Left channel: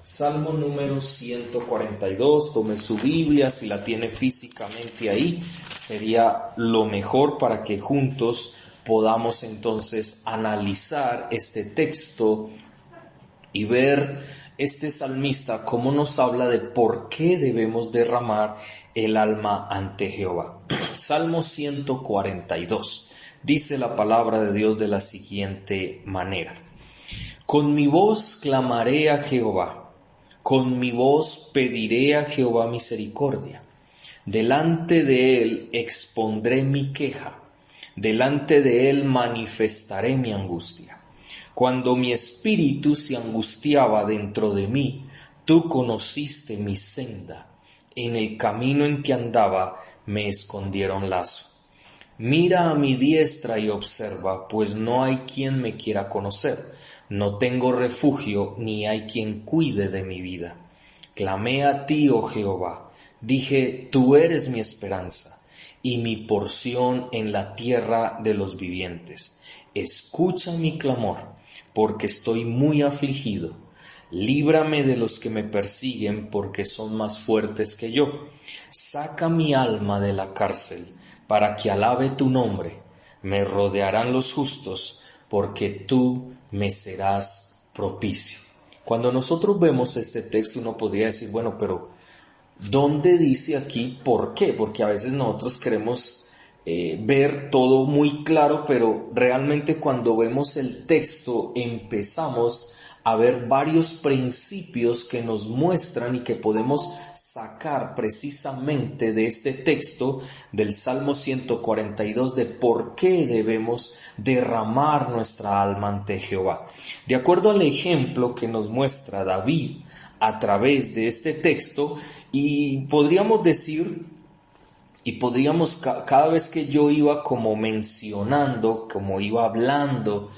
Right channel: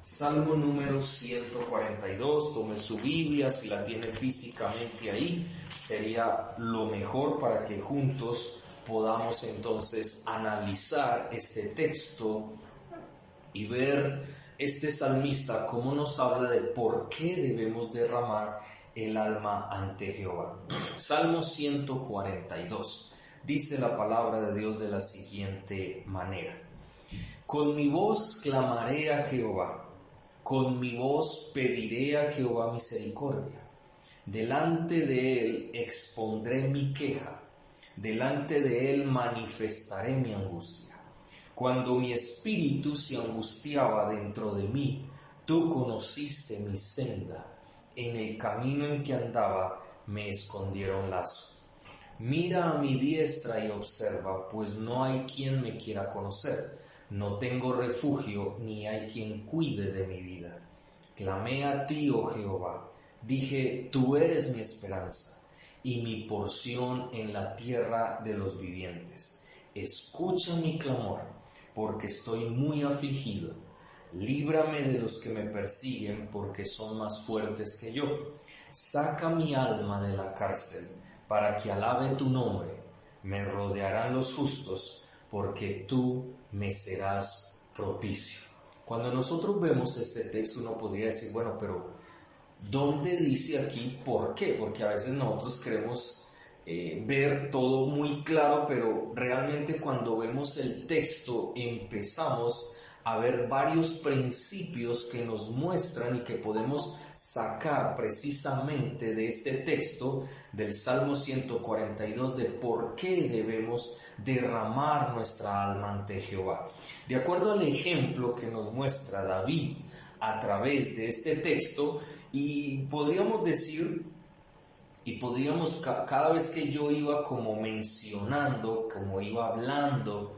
Salmo número 142, tome su Biblia, si la tiene físicamente ahí, sería lo mejor para que juntos podamos entonces analizar este texto y ver este salmista cómo nos habla de por qué debemos derramar el alma ante Jehová. Salmo 142, dice la palabra de Dios de la siguiente manera: con mi voz clamaré a Jehová, con mi voz pediré a Jehová misericordia. Delante de él expondré mi queja, delante de él manifestaré mi angustia. Cuando mi espíritu se angustiaba dentro de mí, tú conociste mi senda. En el camino en que andaba me escondieron lazo. Mira a mi diestra y observa, pues no hay quien me quiera conocer. No tengo refugio, ni hay quien cuide de mi vida. Clamé a ti, oh Jehová, dije, tú eres mi esperanza y mi porción en la tierra de los vivientes. Escucha mi clamor, porque estoy muy afligido. Líbrame de los que me persiguen, porque son más fuertes que yo. Saca mi alma de la cárcel, para que alabe tu nombre. Me rodearán los justos, porque tú me serás propicio. Cuando nosotros vemos este texto, uno podría decir, bueno, pero ¿dónde dice aquí por qué? Porque a veces nosotros queremos ver todo muy claro, pero realmente cuando vemos el texto empezamos a ver varios principios que nos muestran y que podemos sacar precisamente de este texto del Salmo 142 de por qué debemos derramar nuestra alma ante Jehová. De acuerdo al ejemplo que nos muestra David a través de este texto, y podríamos decir, cada vez que yo iba como mencionando, como iba hablando,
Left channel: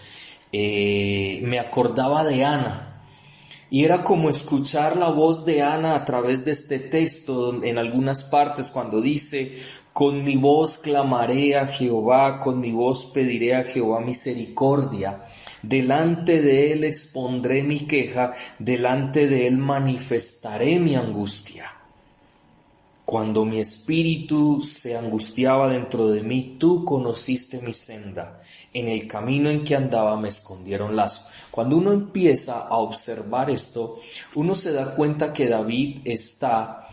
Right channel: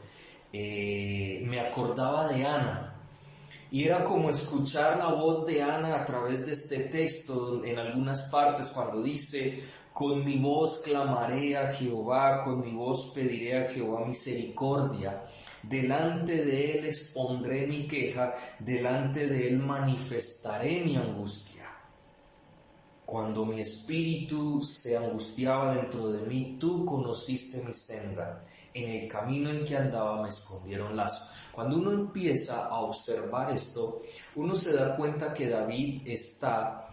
me acordaba de Ana. Y era como escuchar la voz de Ana a través de este texto, en algunas partes cuando dice, con mi voz clamaré a Jehová, con mi voz pediré a Jehová misericordia. Delante de él expondré mi queja, delante de él manifestaré mi angustia. Cuando mi espíritu se angustiaba dentro de mí, tú conociste mi senda. En el camino en que andaba me escondieron lazo. Cuando uno empieza a observar esto, uno se da cuenta que David está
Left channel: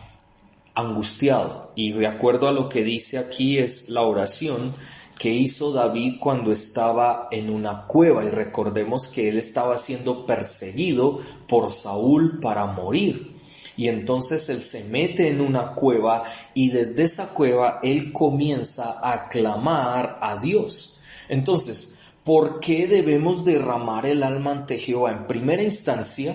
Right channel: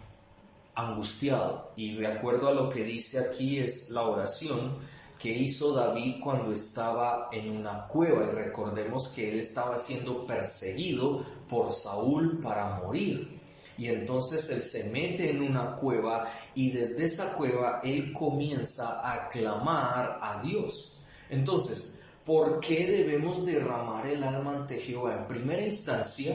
angustiado. Y de acuerdo a lo que dice aquí es la oración que hizo David cuando estaba en una cueva. Y recordemos que él estaba siendo perseguido por Saúl para morir. Y entonces él se mete en una cueva y desde esa cueva él comienza a clamar a Dios. Entonces, ¿por qué debemos derramar el alma ante Jehová? En primera instancia,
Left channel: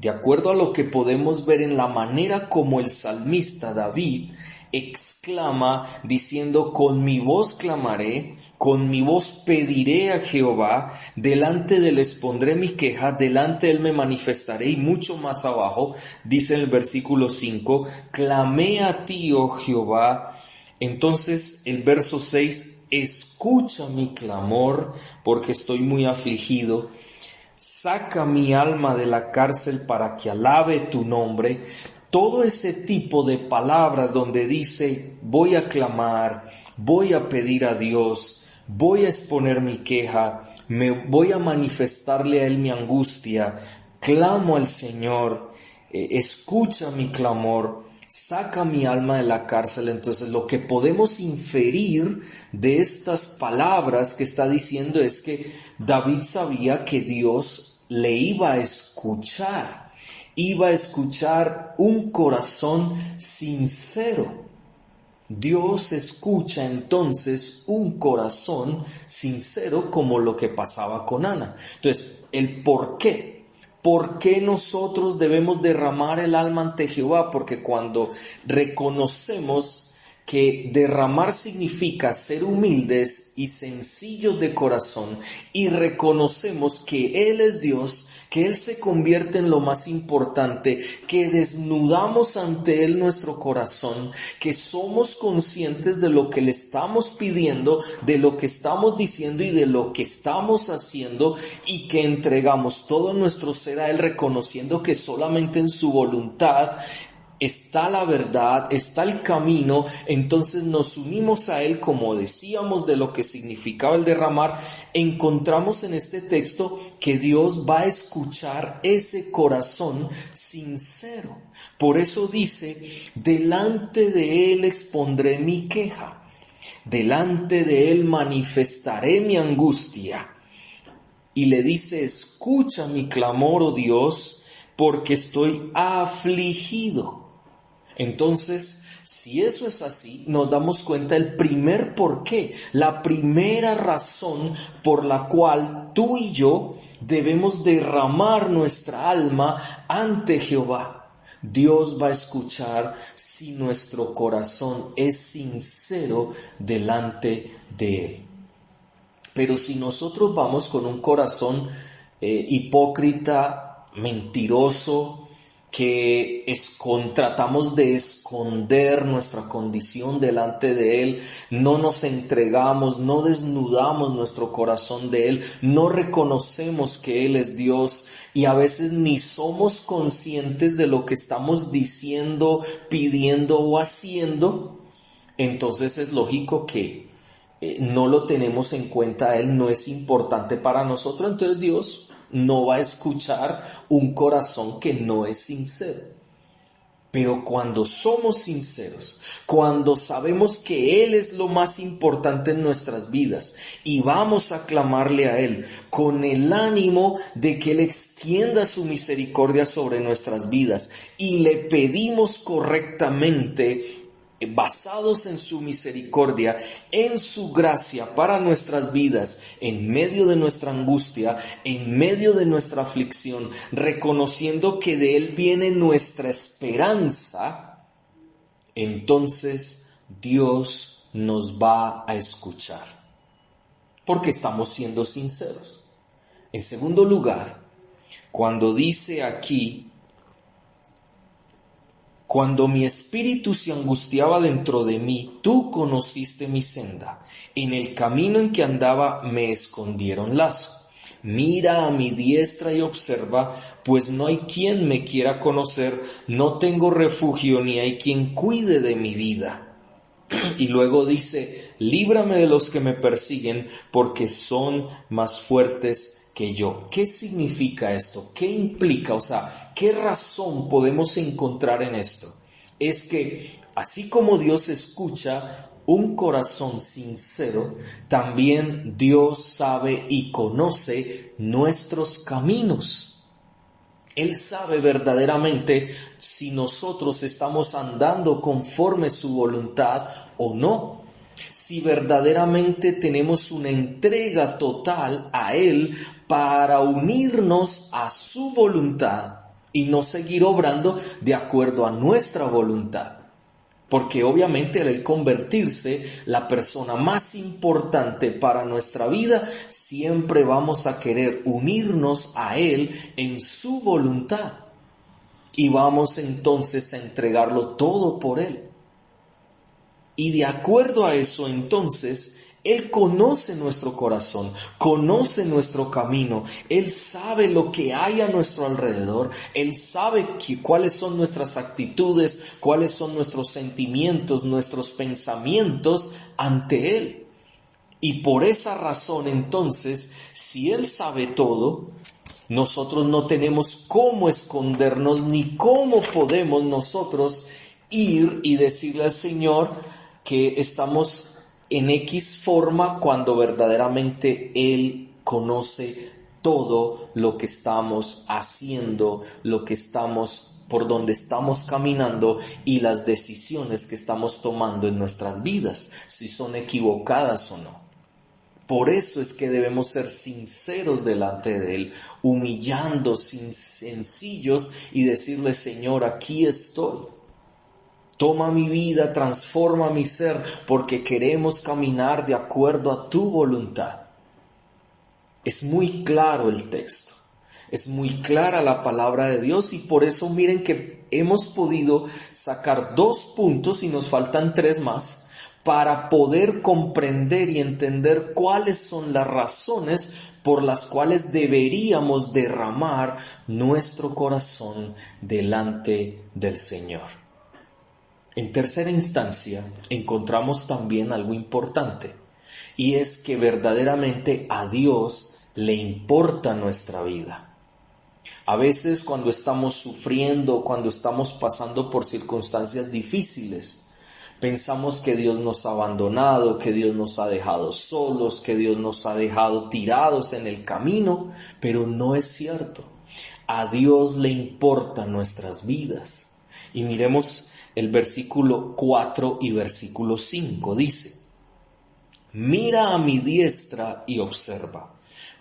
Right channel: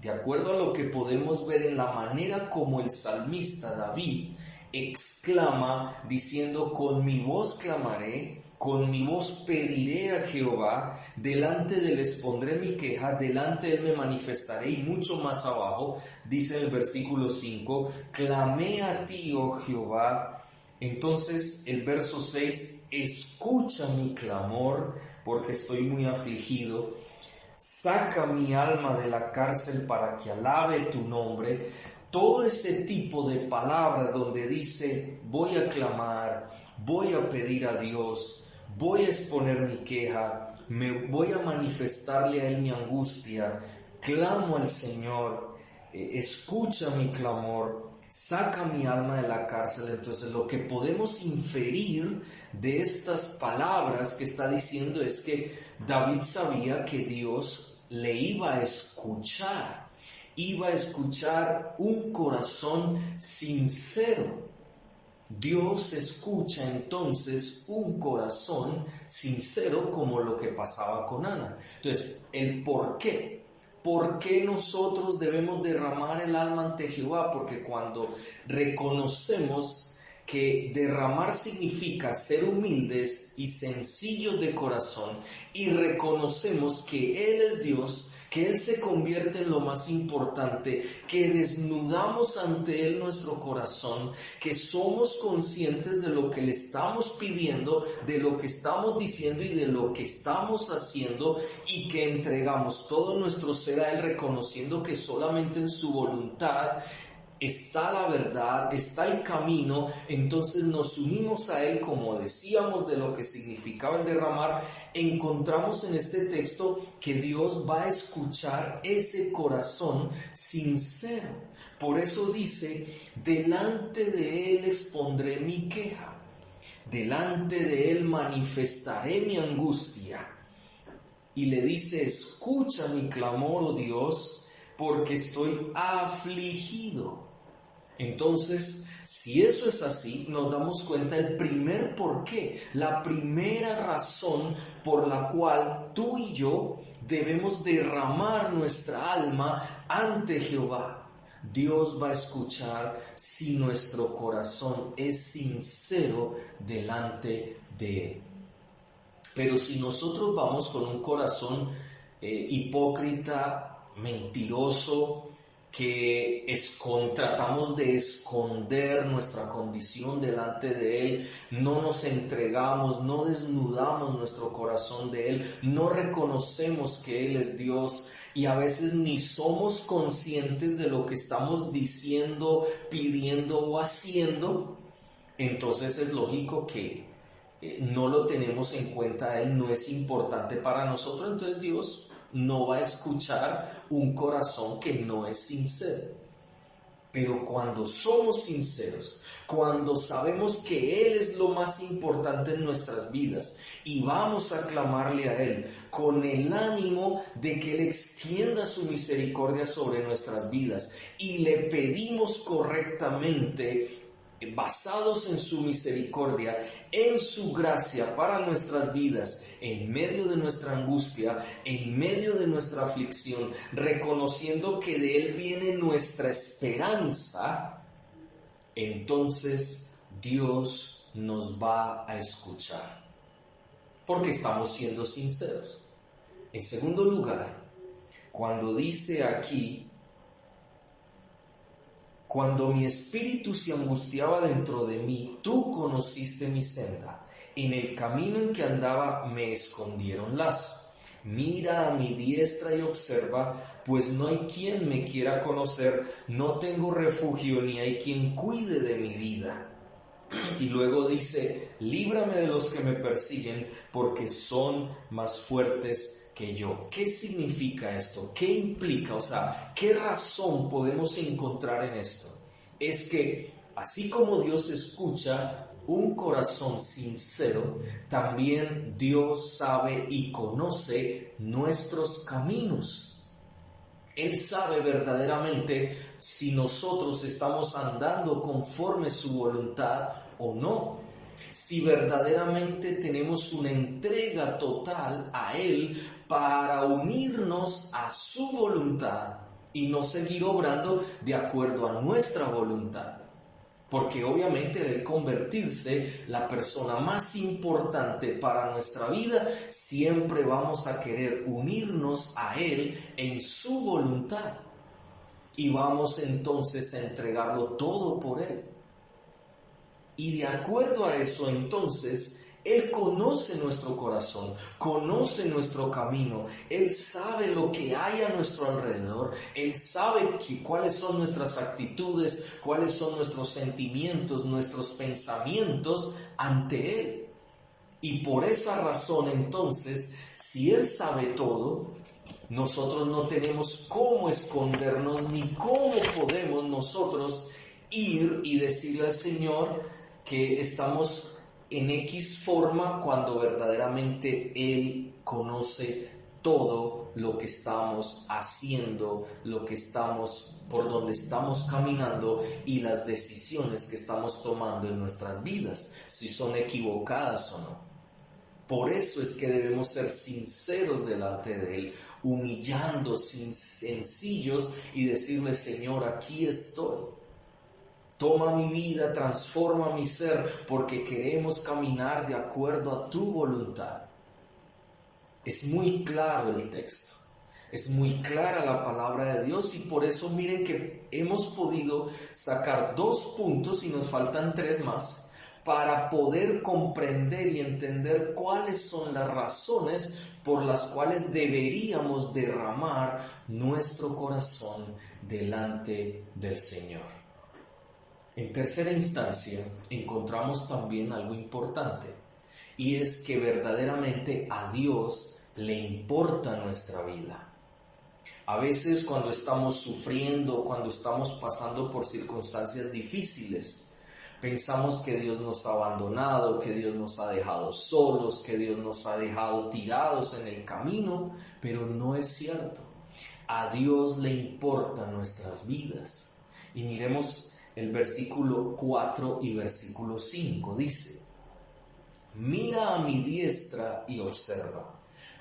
de acuerdo a lo que podemos ver en la manera como el salmista David exclama diciendo, con mi voz clamaré, con mi voz pediré a Jehová, delante de él expondré mi queja, delante de él me manifestaré, y mucho más abajo dice en el versículo 5, clamé a ti, oh Jehová. Entonces el verso 6, escucha mi clamor, porque estoy muy afligido. Saca mi alma de la cárcel para que alabe tu nombre. Todo ese tipo de palabras donde dice voy a clamar, voy a pedir a Dios, voy a exponer mi queja, me voy a manifestarle a Él mi angustia, clamo al Señor, escucha mi clamor, saca mi alma de la cárcel. Entonces lo que podemos inferir de estas palabras que está diciendo es que David sabía que Dios le iba a escuchar un corazón sincero. Dios escucha entonces un corazón sincero, como lo que pasaba con Ana. Entonces, el por qué. ¿Por qué nosotros debemos derramar el alma ante Jehová? Porque cuando reconocemos que derramar significa ser humildes y sencillos de corazón, y reconocemos que Él es Dios, que Él se convierte en lo más importante, que desnudamos ante Él nuestro corazón, que somos conscientes de lo que le estamos pidiendo, de lo que estamos diciendo y de lo que estamos haciendo, y que entregamos todo nuestro ser a Él, reconociendo que solamente en su voluntad está la verdad, está el camino. Entonces nos unimos a Él, como decíamos de lo que significaba el derramar. Encontramos en este texto que Dios va a escuchar ese corazón sincero. Por eso dice, delante de Él expondré mi queja, delante de Él manifestaré mi angustia. Y le dice, escucha mi clamor, oh Dios, porque estoy afligido. Entonces, si eso es así, nos damos cuenta el primer porqué, la primera razón por la cual tú y yo debemos derramar nuestra alma ante Jehová. Dios va a escuchar si nuestro corazón es sincero delante de Él. Pero si nosotros vamos con un corazón hipócrita, mentiroso, que tratamos de esconder nuestra condición delante de Él, no nos entregamos, no desnudamos nuestro corazón de Él, no reconocemos que Él es Dios, y a veces ni somos conscientes de lo que estamos diciendo, pidiendo o haciendo, entonces es lógico que no lo tenemos en cuenta. Él no es importante para nosotros, entonces Dios no va a escuchar un corazón que no es sincero. Pero cuando somos sinceros, cuando sabemos que Él es lo más importante en nuestras vidas y vamos a clamarle a Él con el ánimo de que Él extienda su misericordia sobre nuestras vidas y le pedimos correctamente, basados en su misericordia, en su gracia para nuestras vidas, en medio de nuestra angustia, en medio de nuestra aflicción, reconociendo que de Él viene nuestra esperanza, entonces Dios nos va a escuchar, porque estamos siendo sinceros. En segundo lugar, cuando dice aquí, cuando mi espíritu se angustiaba dentro de mí, tú conociste mi senda. En el camino en que andaba me escondieron lazo. Mira a mi diestra y observa, pues no hay quien me quiera conocer, no tengo refugio ni hay quien cuide de mi vida. Y luego dice, líbrame de los que me persiguen, porque son más fuertes que yo. ¿Qué significa esto? ¿Qué implica? O sea, ¿qué razón podemos encontrar en esto? Es que así como Dios escucha un corazón sincero, también Dios sabe y conoce nuestros caminos. Él sabe verdaderamente si nosotros estamos andando conforme su voluntad o no. Si verdaderamente tenemos una entrega total a Él para unirnos a su voluntad y no seguir obrando de acuerdo a nuestra voluntad. Porque obviamente al convertirse la persona más importante para nuestra vida, siempre vamos a querer unirnos a Él en su voluntad. Y vamos entonces a entregarlo todo por Él. Y de acuerdo a eso, entonces, Él conoce nuestro corazón, conoce nuestro camino, Él sabe lo que hay a nuestro alrededor, Él sabe cuáles son nuestras actitudes, cuáles son nuestros sentimientos, nuestros pensamientos ante Él. Y por esa razón, entonces, si Él sabe todo, nosotros no tenemos cómo escondernos ni cómo podemos nosotros ir y decirle al Señor que estamos en X forma cuando verdaderamente Él conoce todo lo que estamos haciendo, lo que estamos, por donde estamos caminando y las decisiones que estamos tomando en nuestras vidas, si son equivocadas o no. Por eso es que debemos ser sinceros delante de Él, humillando, sencillos y decirle, Señor, aquí estoy. Toma mi vida, transforma mi ser, porque queremos caminar de acuerdo a tu voluntad. Es muy claro el texto. Es muy clara la palabra de Dios y por eso miren que hemos podido sacar 2 puntos y nos faltan 3 más para poder comprender y entender cuáles son las razones por las cuales deberíamos derramar nuestro corazón delante del Señor. En tercera instancia, encontramos también algo importante, y es que verdaderamente a Dios le importa nuestra vida. A veces cuando estamos sufriendo, cuando estamos pasando por circunstancias difíciles, pensamos que Dios nos ha abandonado, que Dios nos ha dejado solos, que Dios nos ha dejado tirados en el camino, pero no es cierto. A Dios le importan nuestras vidas. Y miremos el versículo 4 y versículo 5, dice: mira a mi diestra y observa,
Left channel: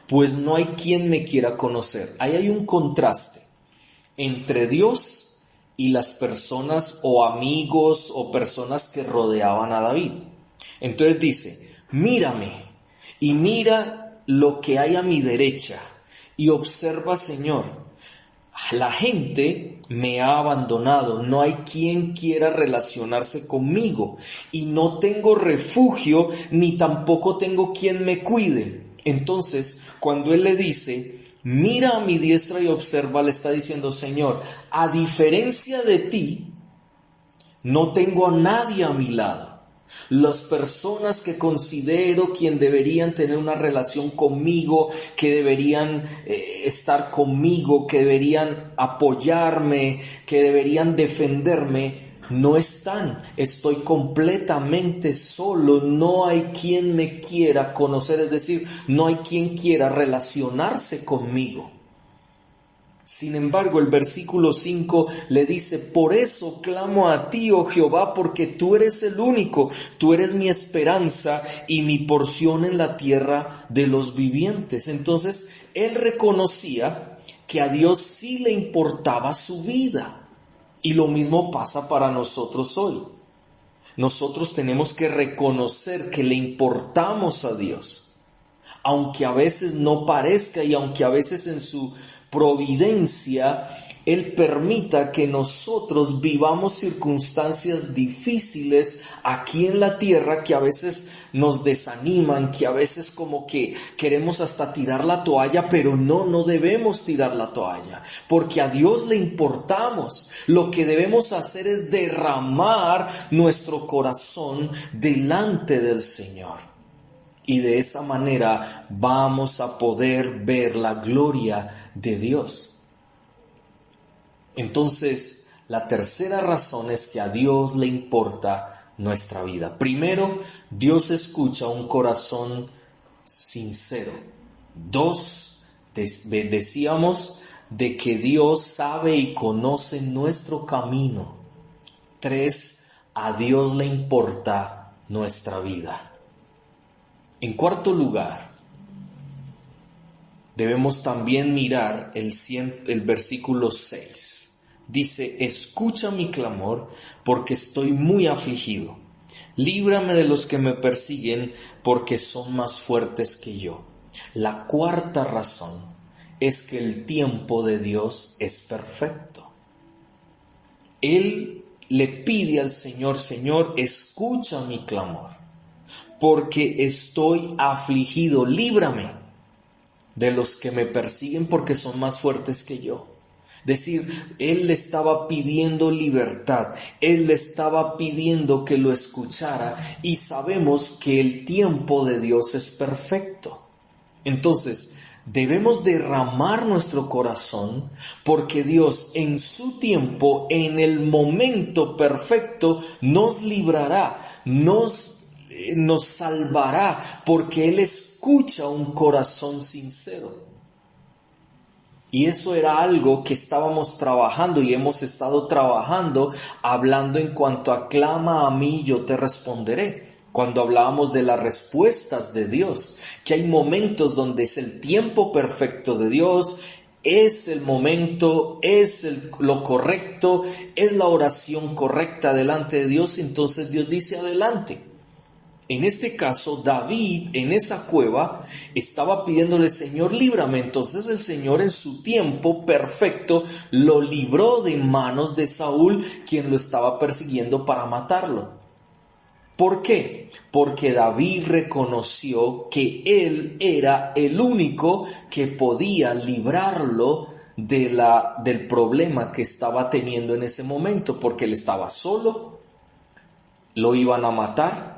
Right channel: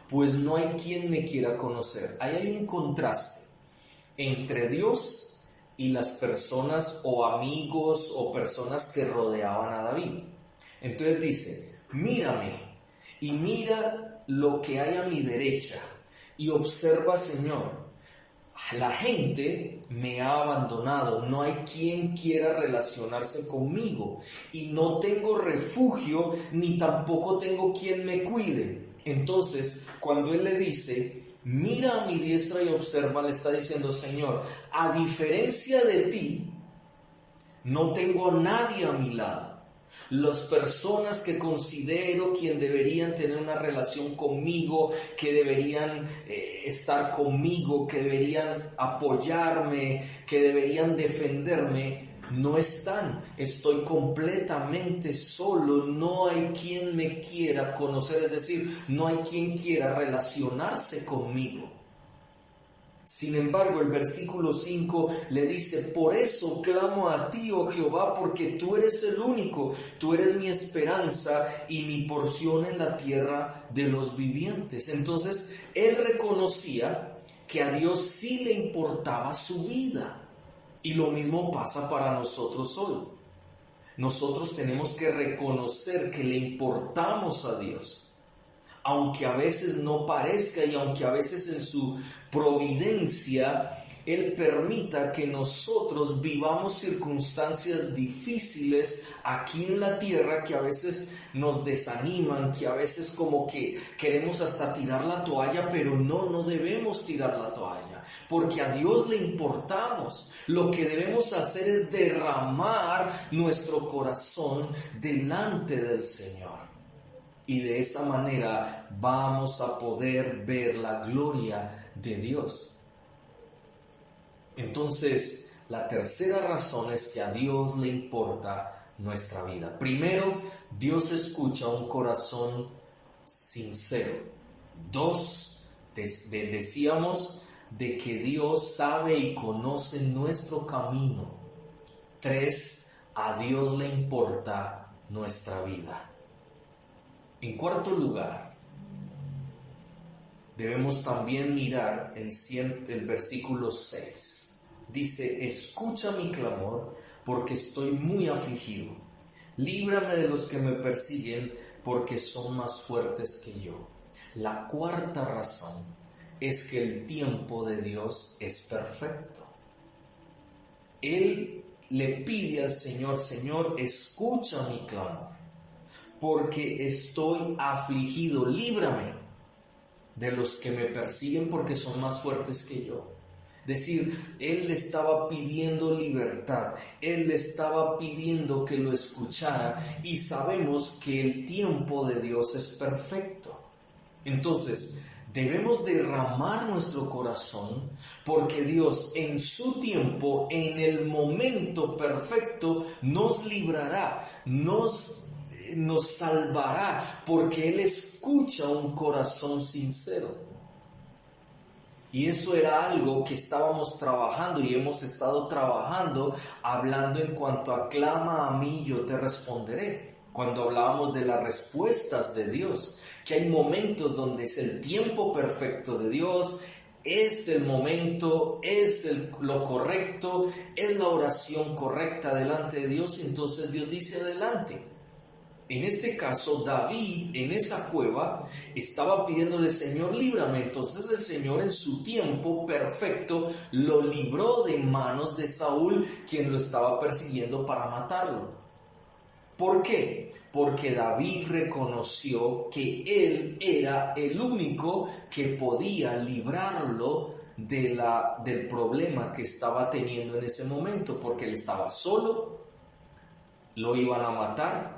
pues no hay quien me quiera conocer. Ahí hay un contraste entre Dios y las personas o amigos o personas que rodeaban a David. Entonces dice: mírame y mira lo que hay a mi derecha y observa, Señor, la gente me ha abandonado, no hay quien quiera relacionarse conmigo y no tengo refugio ni tampoco tengo quien me cuide. Entonces, cuando él le dice: mira a mi diestra y observa, le está diciendo: Señor, a diferencia de ti, no tengo a nadie a mi lado. Las personas que considero quien deberían tener una relación conmigo, que deberían estar conmigo, que deberían apoyarme, que deberían defenderme, no están. Estoy completamente solo, no hay quien me quiera conocer, es decir, no hay quien quiera relacionarse conmigo. Sin embargo, el versículo 5 le dice: por eso clamo a ti, oh Jehová, porque tú eres el único, tú eres mi esperanza y mi porción en la tierra de los vivientes. Entonces, él reconocía que a Dios sí le importaba su vida. Y lo mismo pasa para nosotros hoy. Nosotros tenemos que reconocer que le importamos a Dios, aunque a veces no parezca y aunque a veces en su providencia Él permita que nosotros vivamos circunstancias difíciles aquí en la tierra que a veces nos desaniman, que a veces como que queremos hasta tirar la toalla, pero no debemos tirar la toalla, porque a Dios le importamos. Lo que debemos hacer es derramar nuestro corazón delante del Señor. Y de esa manera vamos a poder ver la gloria de Dios. Entonces, la tercera razón es que a Dios le importa nuestra vida. Primero, Dios escucha un corazón sincero. 2, decíamos de que Dios sabe y conoce nuestro camino. 3, a Dios le importa nuestra vida. En cuarto lugar, debemos también mirar el versículo 6. Dice: escucha mi clamor, porque estoy muy afligido. Líbrame de los que me persiguen, porque son más fuertes que yo. La cuarta razón es que el tiempo de Dios es perfecto. Él le pide al Señor: Señor, escucha mi clamor, porque estoy afligido, líbrame de los que me persiguen porque son más fuertes que yo. Es decir, Él le estaba pidiendo libertad, Él le estaba pidiendo que lo escuchara, y sabemos que el tiempo de Dios es perfecto. Entonces, debemos derramar nuestro corazón porque Dios en su tiempo, en el momento perfecto, nos librará, nos salvará, porque Él escucha un corazón sincero. Y eso era algo que estábamos trabajando y hemos estado trabajando, hablando en cuanto a clama a mí, yo te responderé. Cuando hablábamos de las respuestas de Dios, que hay momentos donde es el tiempo perfecto de Dios, es el momento, es lo correcto, es la oración correcta delante de Dios, entonces Dios dice adelante. En este caso, David en esa cueva estaba pidiéndole: Señor, líbrame. Entonces el Señor en su tiempo perfecto lo libró de manos de Saúl, quien lo estaba persiguiendo para matarlo. ¿Por qué? Porque David reconoció que él era el único que podía librarlo del problema que estaba teniendo en ese momento, porque él estaba solo, lo iban a matar.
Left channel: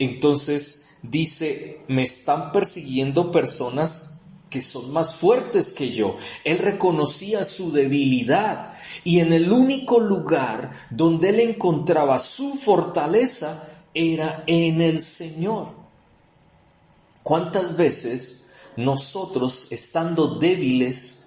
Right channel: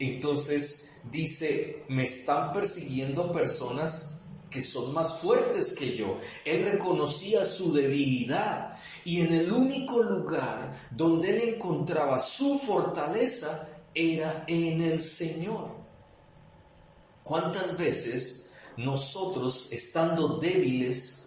Entonces dice: me están persiguiendo personas que son más fuertes que yo. Él reconocía su debilidad, y en el único lugar donde él encontraba su fortaleza era en el Señor. ¿Cuántas veces nosotros, estando débiles,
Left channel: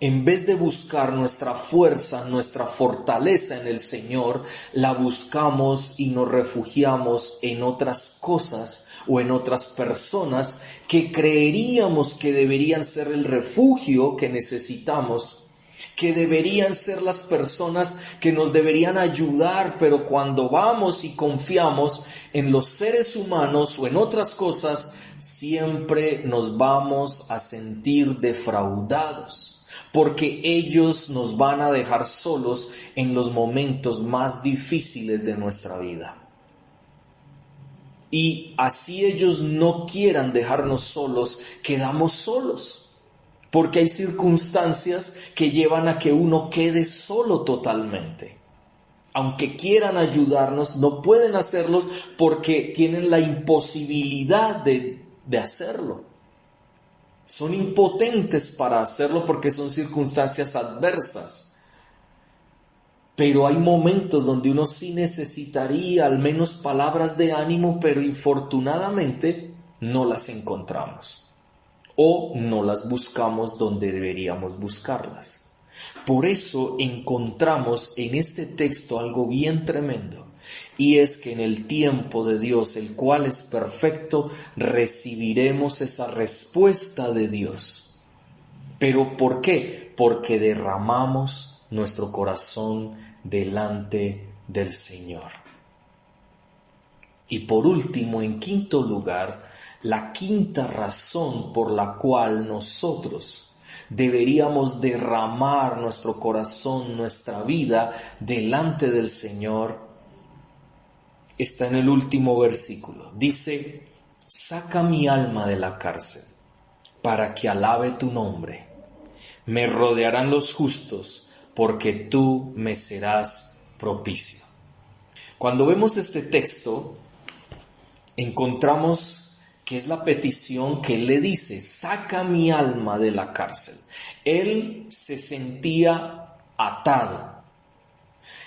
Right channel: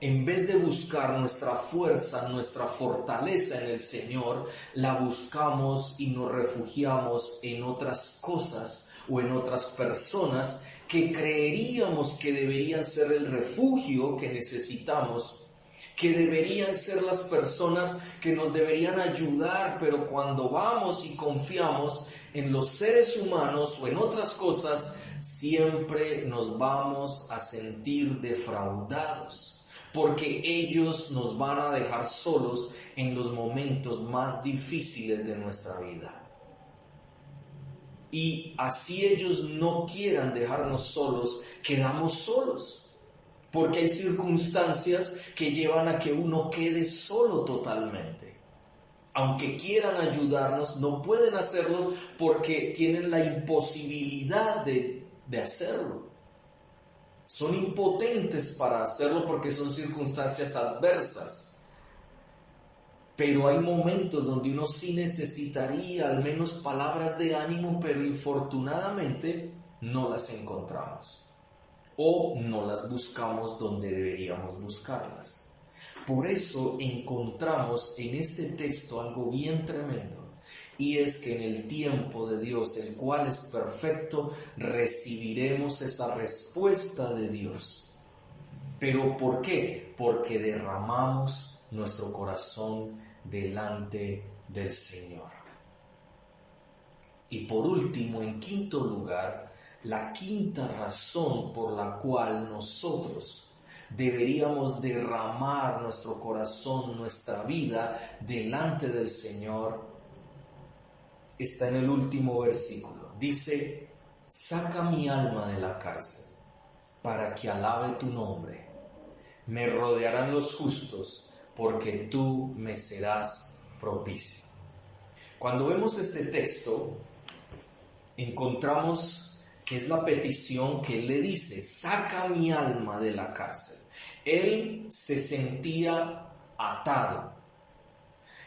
en vez de buscar nuestra fuerza, nuestra fortaleza en el Señor, la buscamos y nos refugiamos en otras cosas o en otras personas que creeríamos que deberían ser el refugio que necesitamos, que deberían ser las personas que nos deberían ayudar? Pero cuando vamos y confiamos en los seres humanos o en otras cosas, siempre nos vamos a sentir defraudados, porque ellos nos van a dejar solos en los momentos más difíciles de nuestra vida. Y así ellos no quieran dejarnos solos, quedamos solos, porque hay circunstancias que llevan a que uno quede solo totalmente. Aunque quieran ayudarnos, no pueden hacerlos porque tienen la imposibilidad de hacerlo. Son impotentes para hacerlo porque son circunstancias adversas. Pero hay momentos donde uno sí necesitaría al menos palabras de ánimo, pero infortunadamente no las encontramos o no las buscamos donde deberíamos buscarlas. Por eso encontramos en este texto algo bien tremendo. Y es que en el tiempo de Dios, el cual es perfecto, recibiremos esa respuesta de Dios. ¿Pero por qué? Porque derramamos nuestro corazón delante del Señor. Y por último, en quinto lugar, la quinta razón por la cual nosotros deberíamos derramar nuestro corazón, nuestra vida delante del Señor, está en el último versículo. Dice: saca mi alma de la cárcel para que alabe tu nombre. Me rodearán los justos porque tú me serás propicio. Cuando vemos este texto, encontramos que es la petición que él le dice: saca mi alma de la cárcel. Él se sentía atado.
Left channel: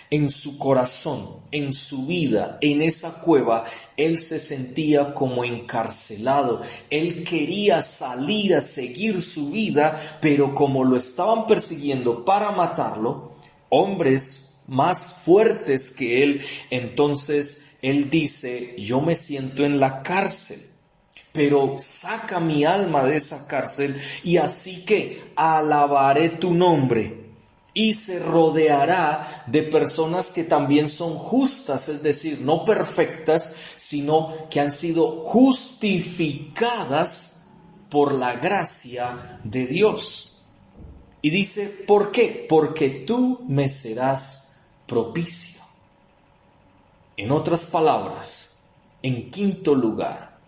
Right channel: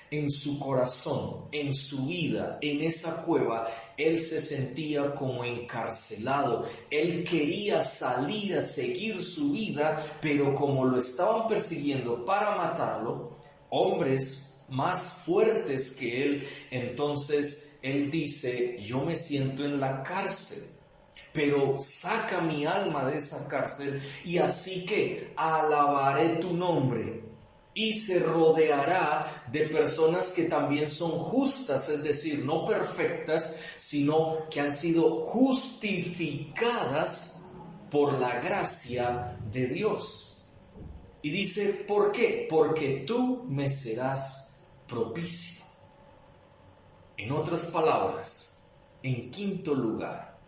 En su corazón, en su vida, en esa cueva, él se sentía como encarcelado. Él quería salir a seguir su vida, pero como lo estaban persiguiendo para matarlo, hombres más fuertes que él, entonces él dice: yo me siento en la cárcel, pero saca mi alma de esa cárcel, y así que alabaré tu nombre. Y se rodeará de personas que también son justas, es decir, no perfectas, sino que han sido justificadas por la gracia de Dios. Y dice: ¿por qué? Porque tú me serás propicio. En otras palabras, en quinto lugar,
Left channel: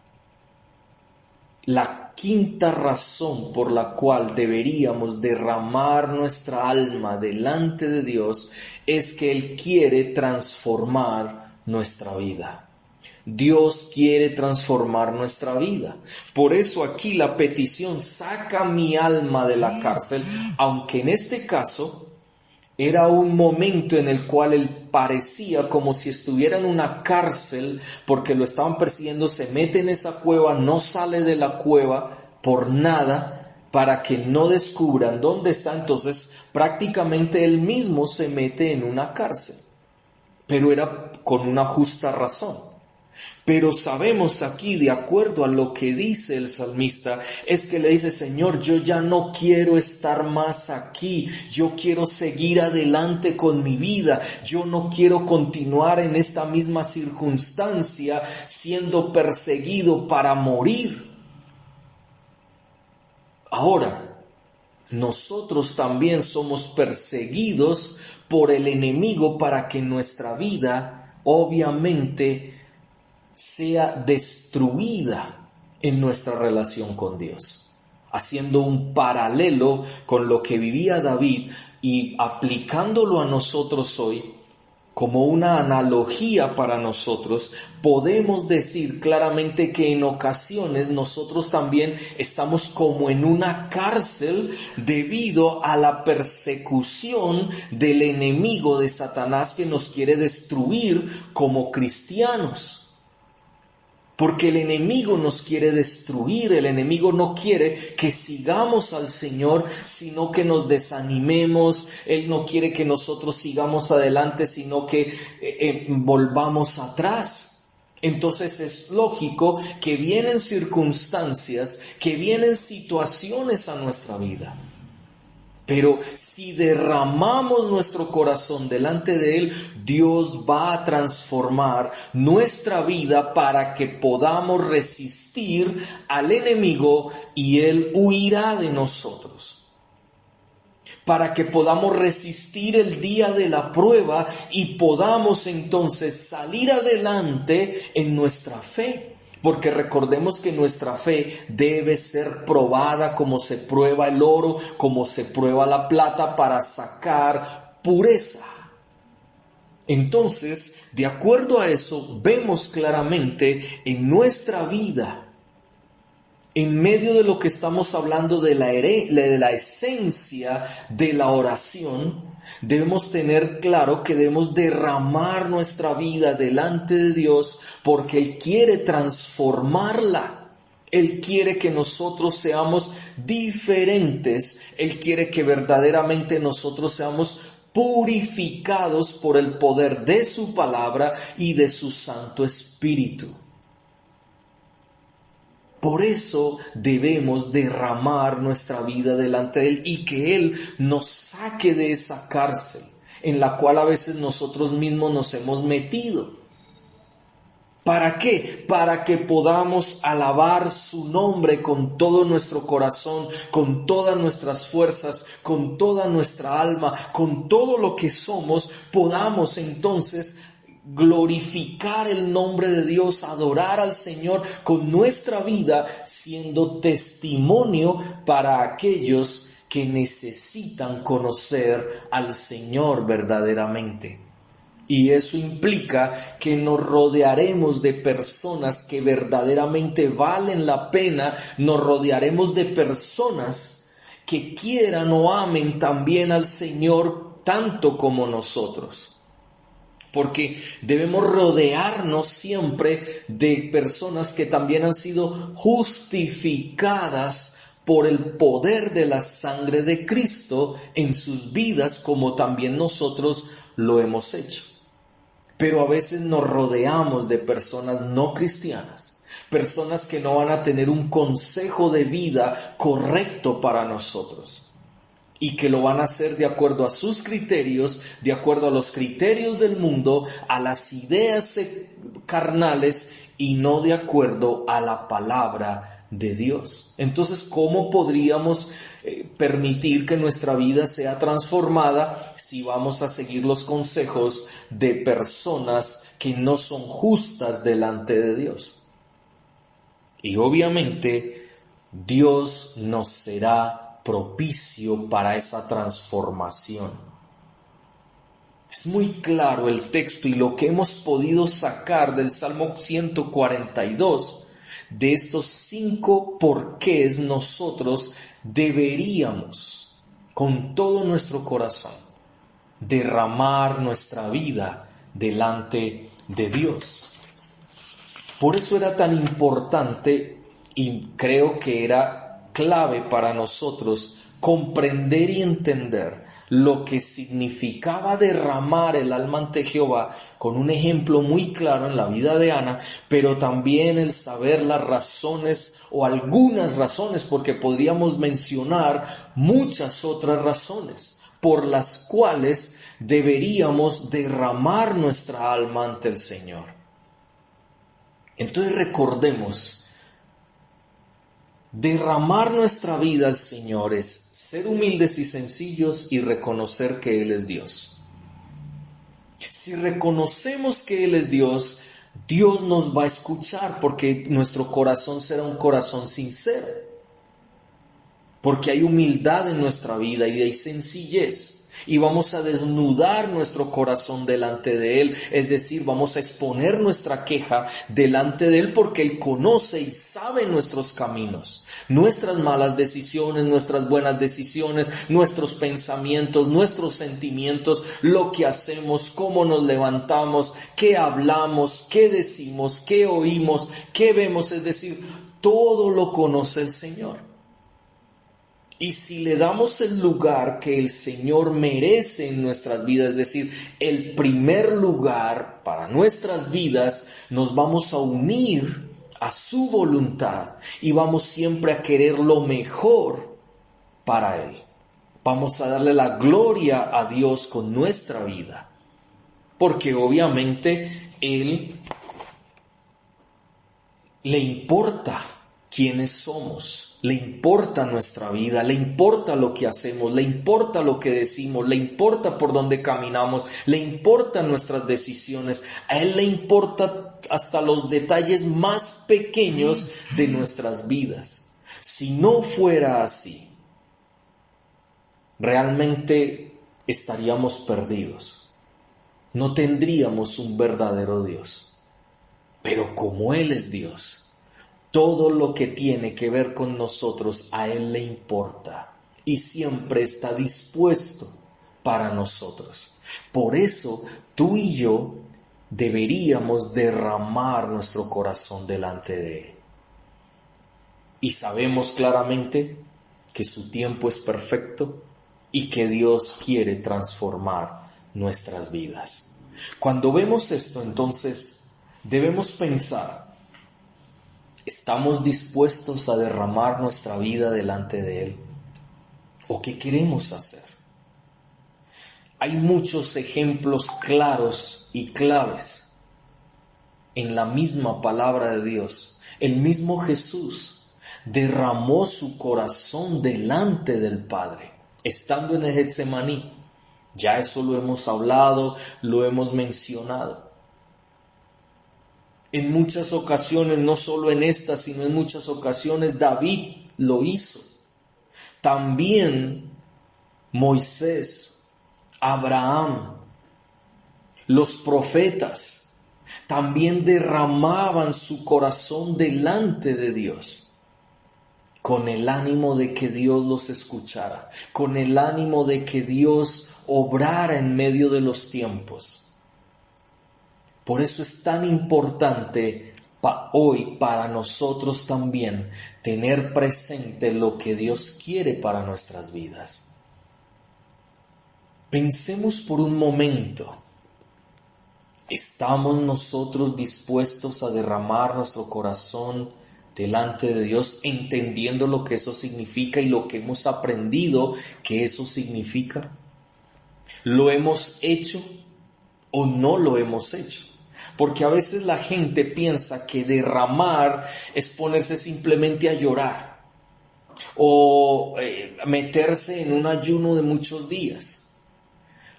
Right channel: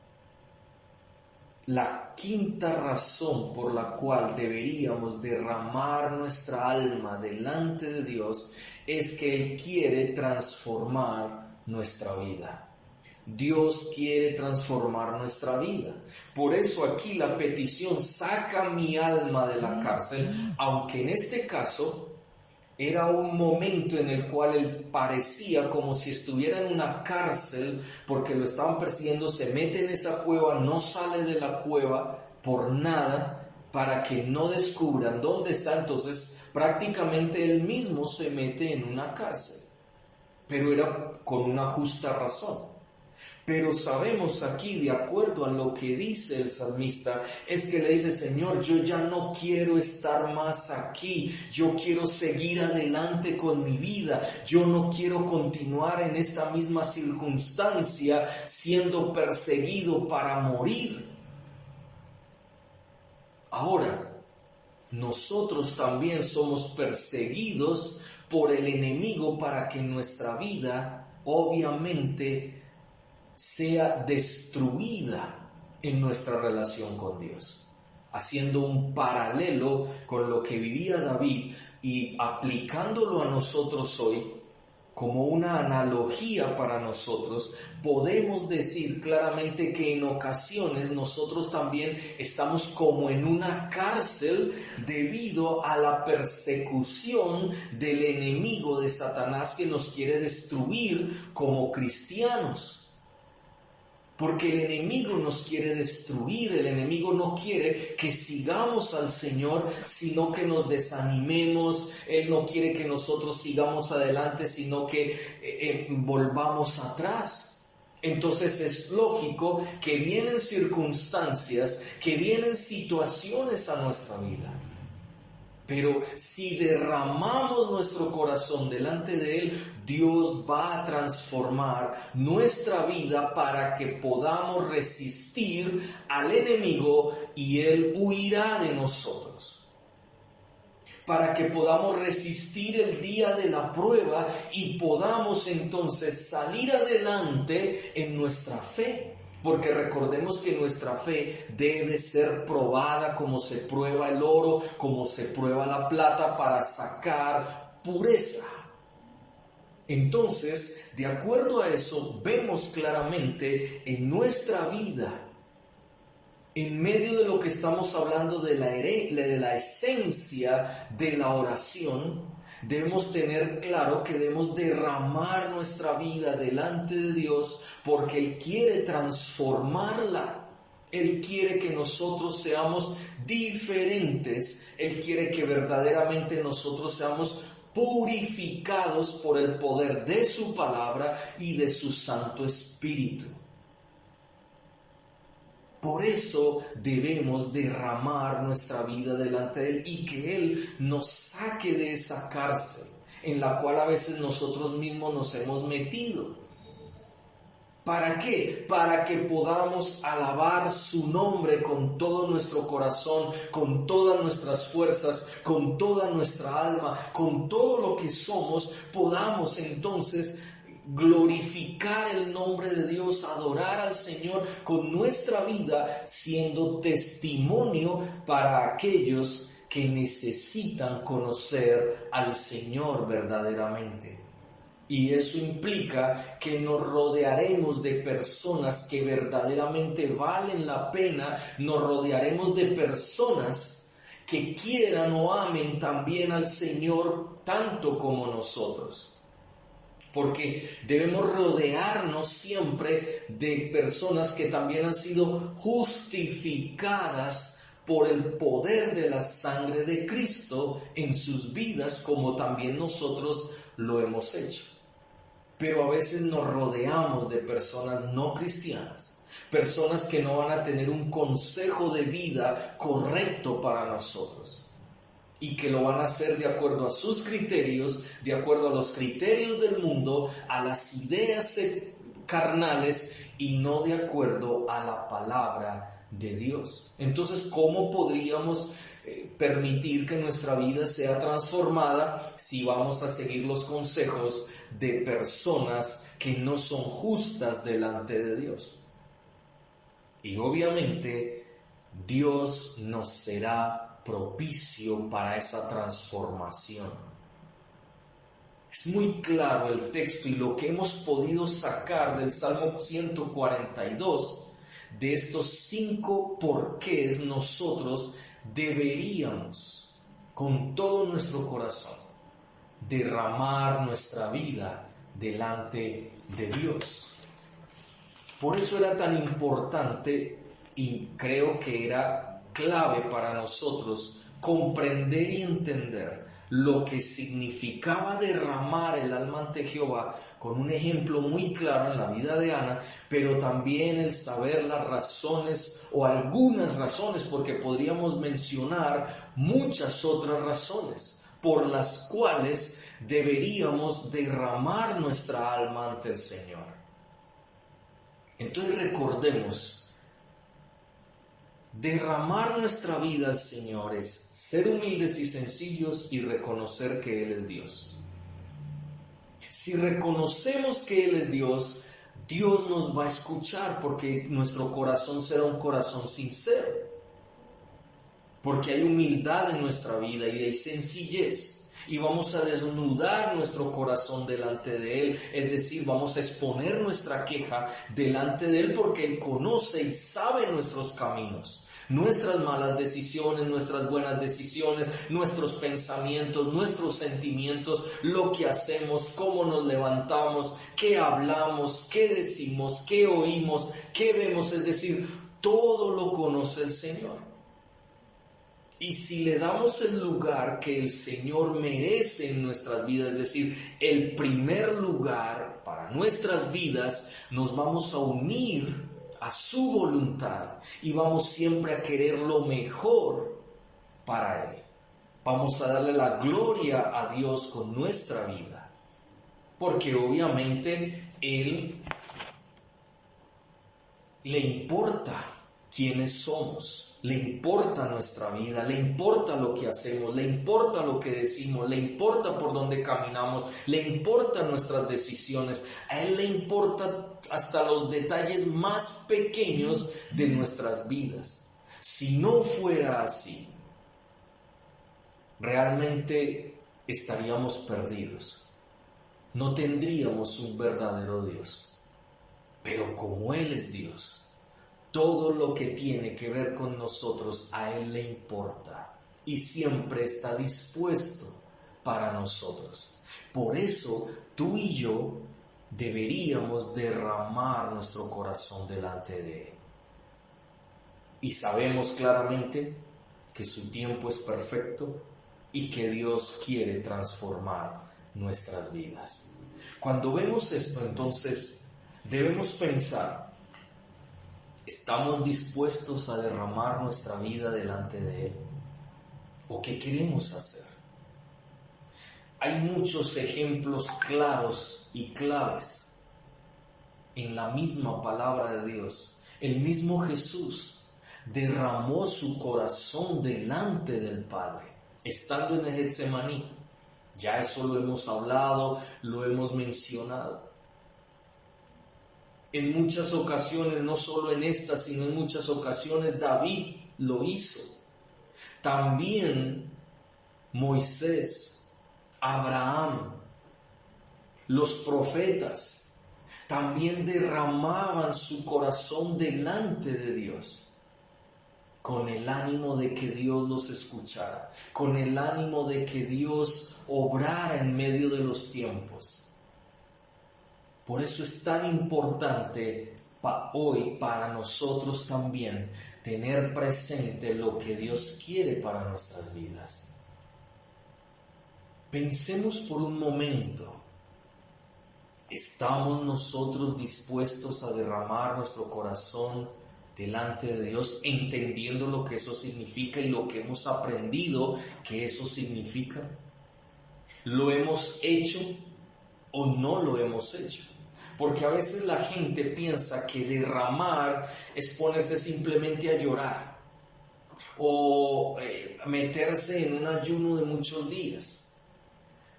la quinta razón por la cual deberíamos derramar nuestra alma delante de Dios es que Él quiere transformar nuestra vida. Dios quiere transformar nuestra vida. Por eso aquí la petición: saca mi alma de la cárcel, aunque en este caso era un momento en el cual él parecía como si estuviera en una cárcel porque lo estaban persiguiendo. Se mete en esa cueva, no sale de la cueva por nada para que no descubran dónde está. Entonces prácticamente él mismo se mete en una cárcel, pero era con una justa razón. Pero sabemos aquí, de acuerdo a lo que dice el salmista, es que le dice: Señor, yo ya no quiero estar más aquí, yo quiero seguir adelante con mi vida, yo no quiero continuar en esta misma circunstancia siendo perseguido para morir. Ahora, nosotros también somos perseguidos por el enemigo para que nuestra vida, obviamente, sea destruida en nuestra relación con Dios. Haciendo un paralelo con lo que vivía David y aplicándolo a nosotros hoy, como una analogía para nosotros, podemos decir claramente que en ocasiones nosotros también estamos como en una cárcel debido a la persecución del enemigo de Satanás que nos quiere destruir como cristianos. Porque el enemigo nos quiere destruir, el enemigo no quiere que sigamos al Señor, sino que nos desanimemos. Él no quiere que nosotros sigamos adelante, sino que volvamos atrás. Entonces es lógico que vienen circunstancias, que vienen situaciones a nuestra vida. Pero si derramamos nuestro corazón delante de Él, Dios va a transformar nuestra vida para que podamos resistir al enemigo y Él huirá de nosotros. Para que podamos resistir el día de la prueba y podamos entonces salir adelante en nuestra fe. Porque recordemos que nuestra fe debe ser probada como se prueba el oro, como se prueba la plata, para sacar pureza. Entonces, de acuerdo a eso, vemos claramente en nuestra vida, en medio de lo que estamos hablando de la esencia de la oración, debemos tener claro que debemos derramar nuestra vida delante de Dios porque Él quiere transformarla. Él quiere que nosotros seamos diferentes. Él quiere que verdaderamente nosotros seamos purificados por el poder de su palabra y de su Santo Espíritu. Por eso debemos derramar nuestra vida delante de Él y que Él nos saque de esa cárcel en la cual a veces nosotros mismos nos hemos metido. ¿Para qué? Para que podamos alabar su nombre con todo nuestro corazón, con todas nuestras fuerzas, con toda nuestra alma, con todo lo que somos, podamos entonces glorificar el nombre de Dios, adorar al Señor con nuestra vida, siendo testimonio para aquellos que necesitan conocer al Señor verdaderamente. Y eso implica que nos rodearemos de personas que verdaderamente valen la pena, nos rodearemos de personas que quieran o amen también al Señor tanto como nosotros. Porque debemos rodearnos siempre de personas que también han sido justificadas por el poder de la sangre de Cristo en sus vidas, como también nosotros lo hemos hecho. Pero a veces nos rodeamos de personas no cristianas, personas que no van a tener un consejo de vida correcto para nosotros. Y que lo van a hacer de acuerdo a sus criterios, de acuerdo a los criterios del mundo, a las ideas carnales y no de acuerdo a la palabra de Dios. Entonces, ¿cómo podríamos permitir que nuestra vida sea transformada si vamos a seguir los consejos de personas que no son justas delante de Dios? Y obviamente Dios nos será propicio para esa transformación. Es muy claro el texto y lo que hemos podido sacar del Salmo 142, de estos 5 porqués nosotros deberíamos, con todo nuestro corazón, derramar nuestra vida delante de Dios. Por eso era tan importante y creo que era clave para nosotros comprender y entender lo que significaba derramar el alma ante Jehová, con un ejemplo muy claro en la vida de Ana, pero también el saber las razones o algunas razones, porque podríamos mencionar muchas otras razones por las cuales deberíamos derramar nuestra alma ante el Señor. Entonces recordemos, derramar nuestra vida al Señor es ser humildes y sencillos y reconocer que Él es Dios. Si reconocemos que Él es Dios, Dios nos va a escuchar porque nuestro corazón será un corazón sincero. Porque hay humildad en nuestra vida y hay sencillez. Y vamos a desnudar nuestro corazón delante de Él, es decir, vamos a exponer nuestra queja delante de Él porque Él conoce y sabe nuestros caminos, nuestras malas decisiones, nuestras buenas decisiones, nuestros pensamientos, nuestros sentimientos, lo que hacemos, cómo nos levantamos, qué hablamos, qué decimos, qué oímos, qué vemos, es decir, todo lo conoce el Señor. Y si le damos el lugar que el Señor merece en nuestras vidas, es decir, el primer lugar para nuestras vidas, nos vamos a unir a su voluntad y vamos siempre a querer lo mejor para Él. Vamos a darle la gloria a Dios con nuestra vida, porque obviamente Él le importa quiénes somos. Le importa nuestra vida, le importa lo que hacemos, le importa lo que decimos, le importa por dónde caminamos, le importan nuestras decisiones. A Él le importa hasta los detalles más pequeños de nuestras vidas. Si no fuera así, realmente estaríamos perdidos. No tendríamos un verdadero Dios. Pero como Él es Dios, todo lo que tiene que ver con nosotros a Él le importa y siempre está dispuesto para nosotros. Por eso tú y yo deberíamos derramar nuestro corazón delante de Él. Y sabemos claramente que su tiempo es perfecto y que Dios quiere transformar nuestras vidas. Cuando vemos esto, entonces debemos pensar: ¿estamos dispuestos a derramar nuestra vida delante de Él? ¿O qué queremos hacer? Hay muchos ejemplos claros y claves en la misma palabra de Dios. El mismo Jesús derramó su corazón delante del Padre, estando en el Getsemaní. Ya eso lo hemos hablado, lo hemos mencionado. En muchas ocasiones, no solo en esta, sino en muchas ocasiones, David lo hizo. También Moisés, Abraham, los profetas, también derramaban su corazón delante de Dios, con el ánimo de que Dios los escuchara, con el ánimo de que Dios obrara en medio de los tiempos. Por eso es tan importante hoy para nosotros también tener presente lo que Dios quiere para nuestras vidas. Pensemos por un momento, ¿estamos nosotros dispuestos a derramar nuestro corazón delante de Dios, entendiendo lo que eso significa y lo que hemos aprendido que eso significa? ¿Lo hemos hecho o no lo hemos hecho? Porque a veces la gente piensa que derramar es ponerse simplemente a llorar o meterse en un ayuno de muchos días.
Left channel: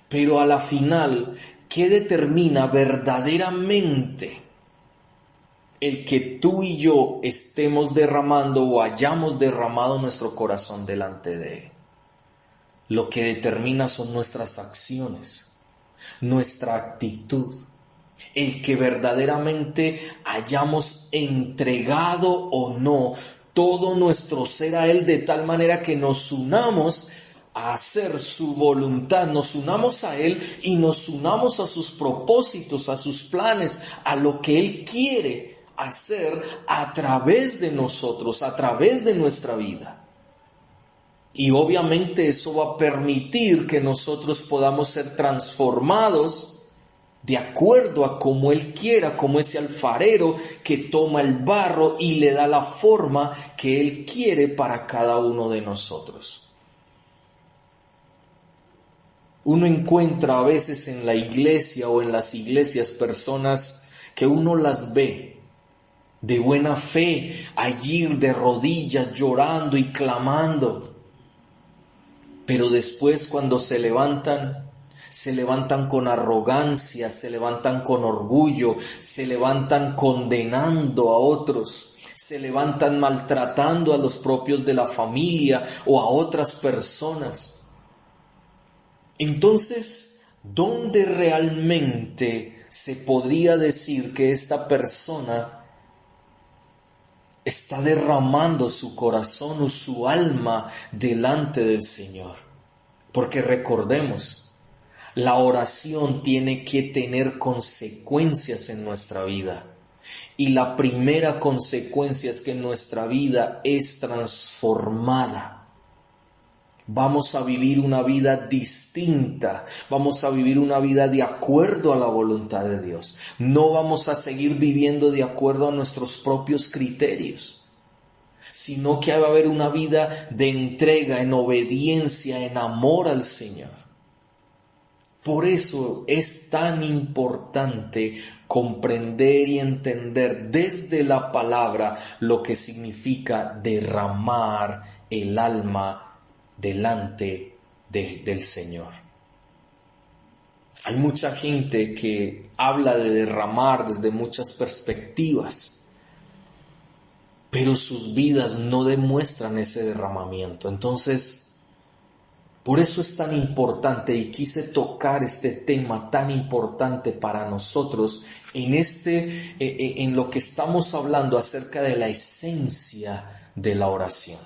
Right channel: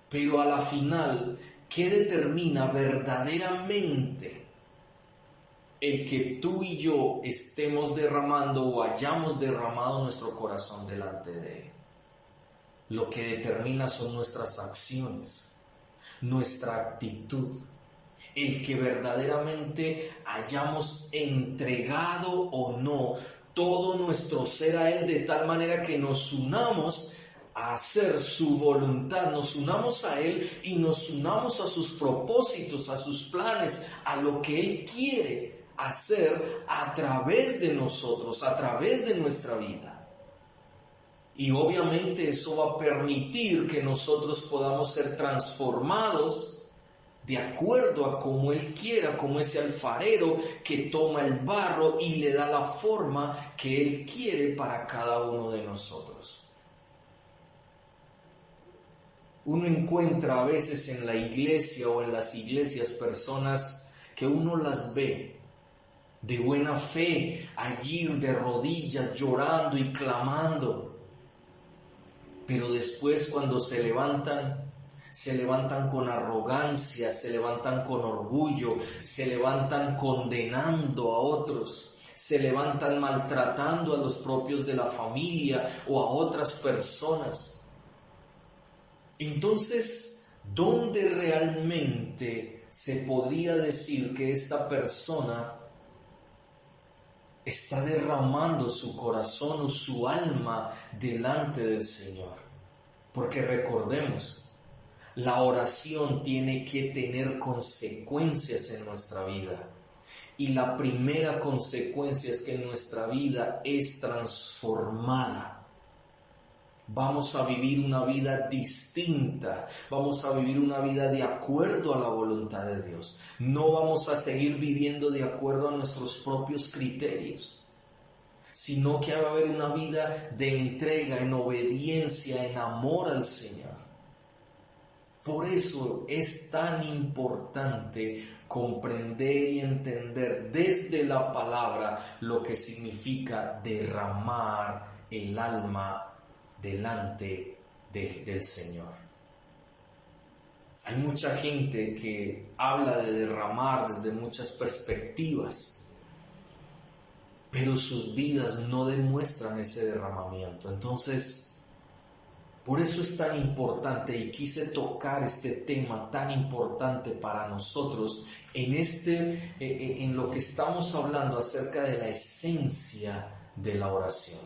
Pero a la final, ¿qué determina verdaderamente el que tú y yo estemos derramando o hayamos derramado nuestro corazón delante de Él? Lo que determina son nuestras acciones, nuestra actitud. El que verdaderamente hayamos entregado o no todo nuestro ser a Él de tal manera que nos unamos a hacer su voluntad, nos unamos a Él y nos unamos a sus propósitos, a sus planes, a lo que Él quiere hacer a través de nosotros, a través de nuestra vida. Y obviamente eso va a permitir que nosotros podamos ser transformados de acuerdo a como Él quiera, como ese alfarero que toma el barro y le da la forma que Él quiere para cada uno de nosotros. Uno encuentra a veces en la iglesia o en las iglesias personas que uno las ve de buena fe, allí de rodillas llorando y clamando, pero después cuando se levantan con arrogancia, se levantan con orgullo, se levantan condenando a otros, se levantan maltratando a los propios de la familia o a otras personas. Entonces, ¿dónde realmente se podría decir que esta persona está derramando su corazón o su alma delante del Señor? Porque recordemos, la oración tiene que tener consecuencias en nuestra vida. Y la primera consecuencia es que nuestra vida es transformada. Vamos a vivir una vida distinta, vamos a vivir una vida de acuerdo a la voluntad de Dios. No vamos a seguir viviendo de acuerdo a nuestros propios criterios, sino que va a haber una vida de entrega, en obediencia, en amor al Señor. Por eso es tan importante comprender y entender desde la palabra lo que significa derramar el alma delante del Señor. Hay mucha gente que habla de derramar desde muchas perspectivas, pero sus vidas no demuestran ese derramamiento. Entonces, por eso es tan importante, y quise tocar este tema tan importante para nosotros en lo que estamos hablando acerca de la esencia de la oración.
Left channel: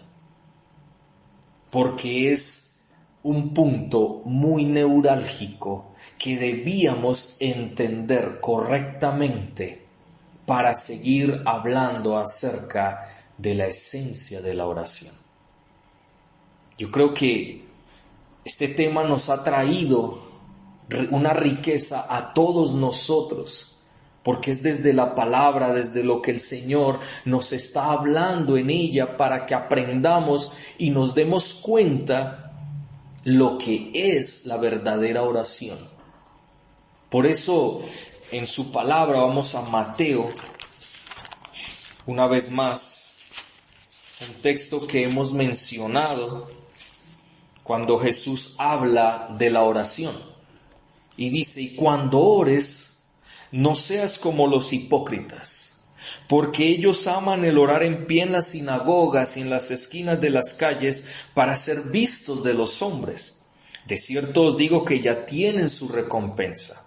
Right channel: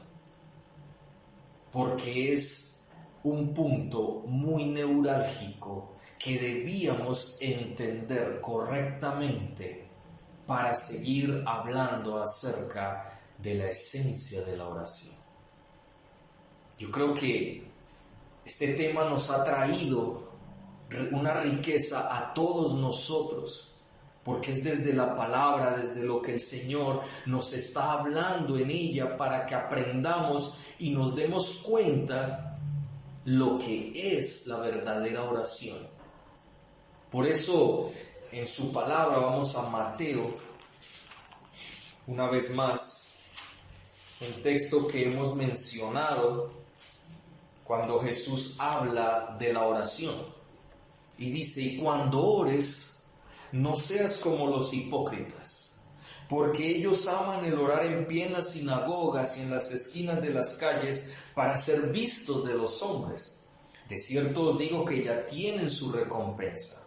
Porque es un punto muy neurálgico que debíamos entender correctamente para seguir hablando acerca de la esencia de la oración. Yo creo que este tema nos ha traído una riqueza a todos nosotros, porque es desde la palabra, desde lo que el Señor nos está hablando en ella, para que aprendamos y nos demos cuenta lo que es la verdadera oración. Por eso, en su palabra, vamos a Mateo, una vez más, un texto que hemos mencionado cuando Jesús habla de la oración. Y dice: y cuando ores, no seas como los hipócritas, porque ellos aman el orar en pie en las sinagogas y en las esquinas de las calles para ser vistos de los hombres. De cierto os digo que ya tienen su recompensa.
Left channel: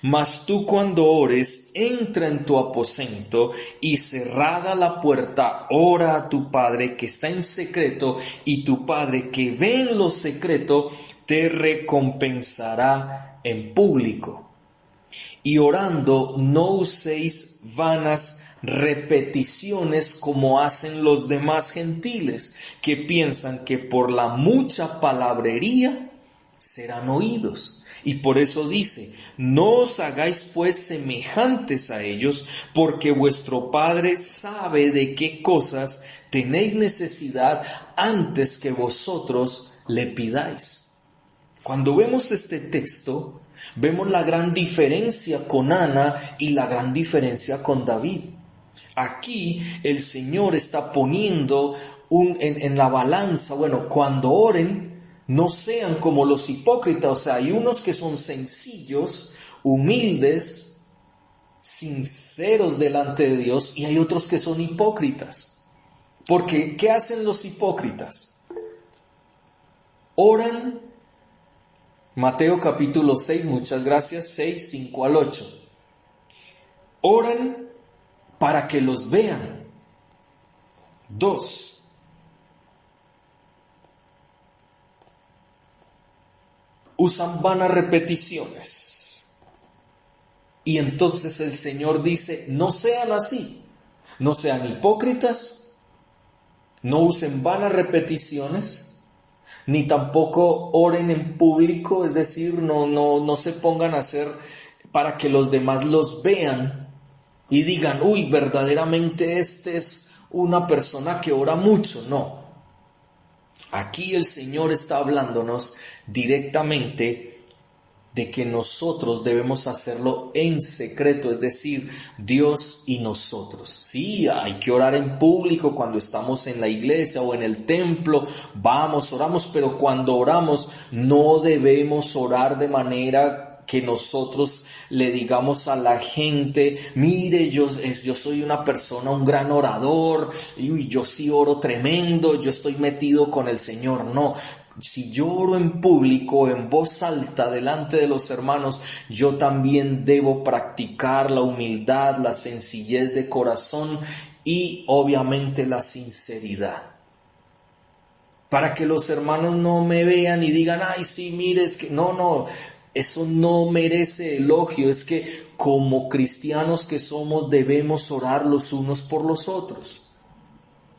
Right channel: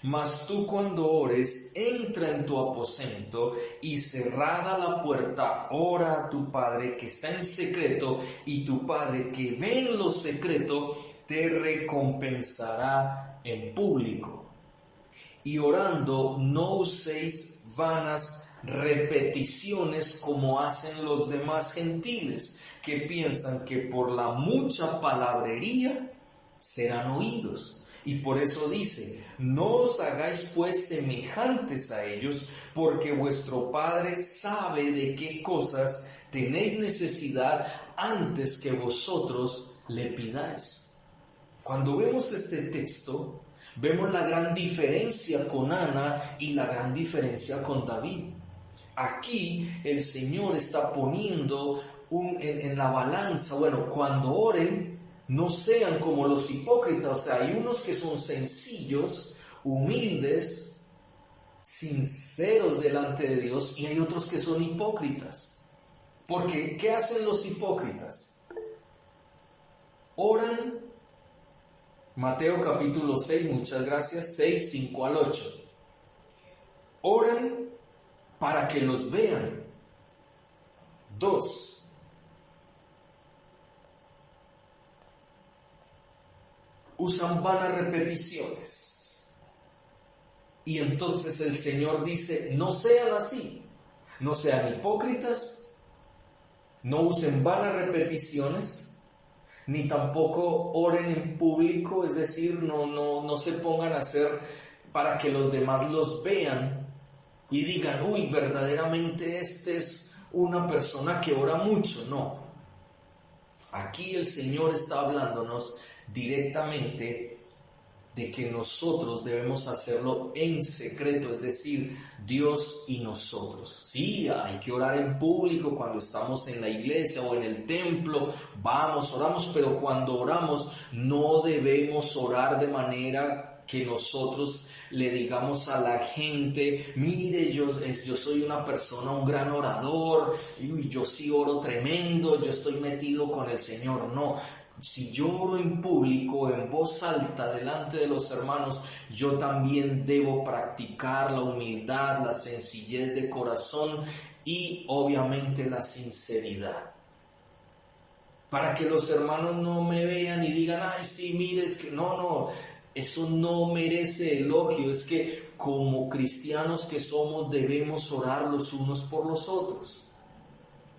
Mas tú, cuando ores, entra en tu aposento y cerrada la puerta, ora a tu Padre que está en secreto, y tu Padre que ve en lo secreto te recompensará en público. Y orando, no uséis vanas repeticiones como hacen los demás gentiles, que piensan que por la mucha palabrería serán oídos. Y por eso dice: no os hagáis pues semejantes a ellos, porque vuestro Padre sabe de qué cosas tenéis necesidad antes que vosotros le pidáis. Cuando vemos este texto, vemos la gran diferencia con Ana y la gran diferencia con David. Aquí el Señor está poniendo en la balanza, cuando oren, no sean como los hipócritas. O sea, hay unos que son sencillos, humildes, sinceros delante de Dios, y hay otros que son hipócritas. Porque, ¿qué hacen los hipócritas? Oran, Mateo capítulo 6, muchas gracias, 6, 5 al 8. Oran para que los vean. 2. Usan vanas repeticiones. Y entonces el Señor dice: no sean así, no sean hipócritas, no usen vanas repeticiones, ni tampoco oren en público, es decir, no se pongan a hacer para que los demás los vean y digan, uy, verdaderamente este es una persona que ora mucho. No, aquí el Señor está hablándonos directamente de que nosotros debemos hacerlo en secreto, es decir, Dios y nosotros. Sí, hay que orar en público cuando estamos en la iglesia o en el templo, vamos, oramos, pero cuando oramos no debemos orar de manera que nosotros le digamos a la gente, mire, yo soy una persona, un gran orador, y yo sí oro tremendo, yo estoy metido con el Señor. No. Si yo oro en público, en voz alta, delante de los hermanos, yo también debo practicar la humildad, la sencillez de corazón y obviamente la sinceridad. Para que los hermanos no me vean y digan, ay, sí, mire, es que no, eso no merece elogio. Es que como cristianos que somos debemos orar los unos por los otros.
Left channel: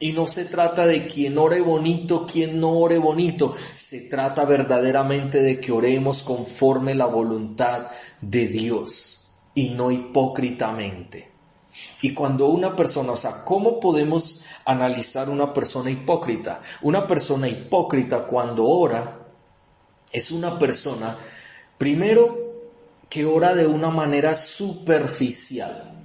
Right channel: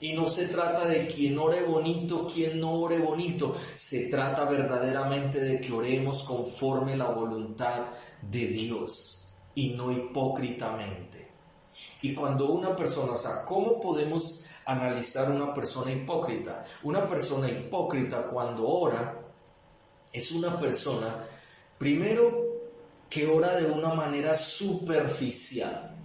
Y no se trata de quién ore bonito, quién no ore bonito. Se trata verdaderamente de que oremos conforme la voluntad de Dios y no hipócritamente. Y cuando una persona, o sea, ¿cómo podemos analizar una persona hipócrita? Una persona hipócrita cuando ora es una persona, primero, que ora de una manera superficial.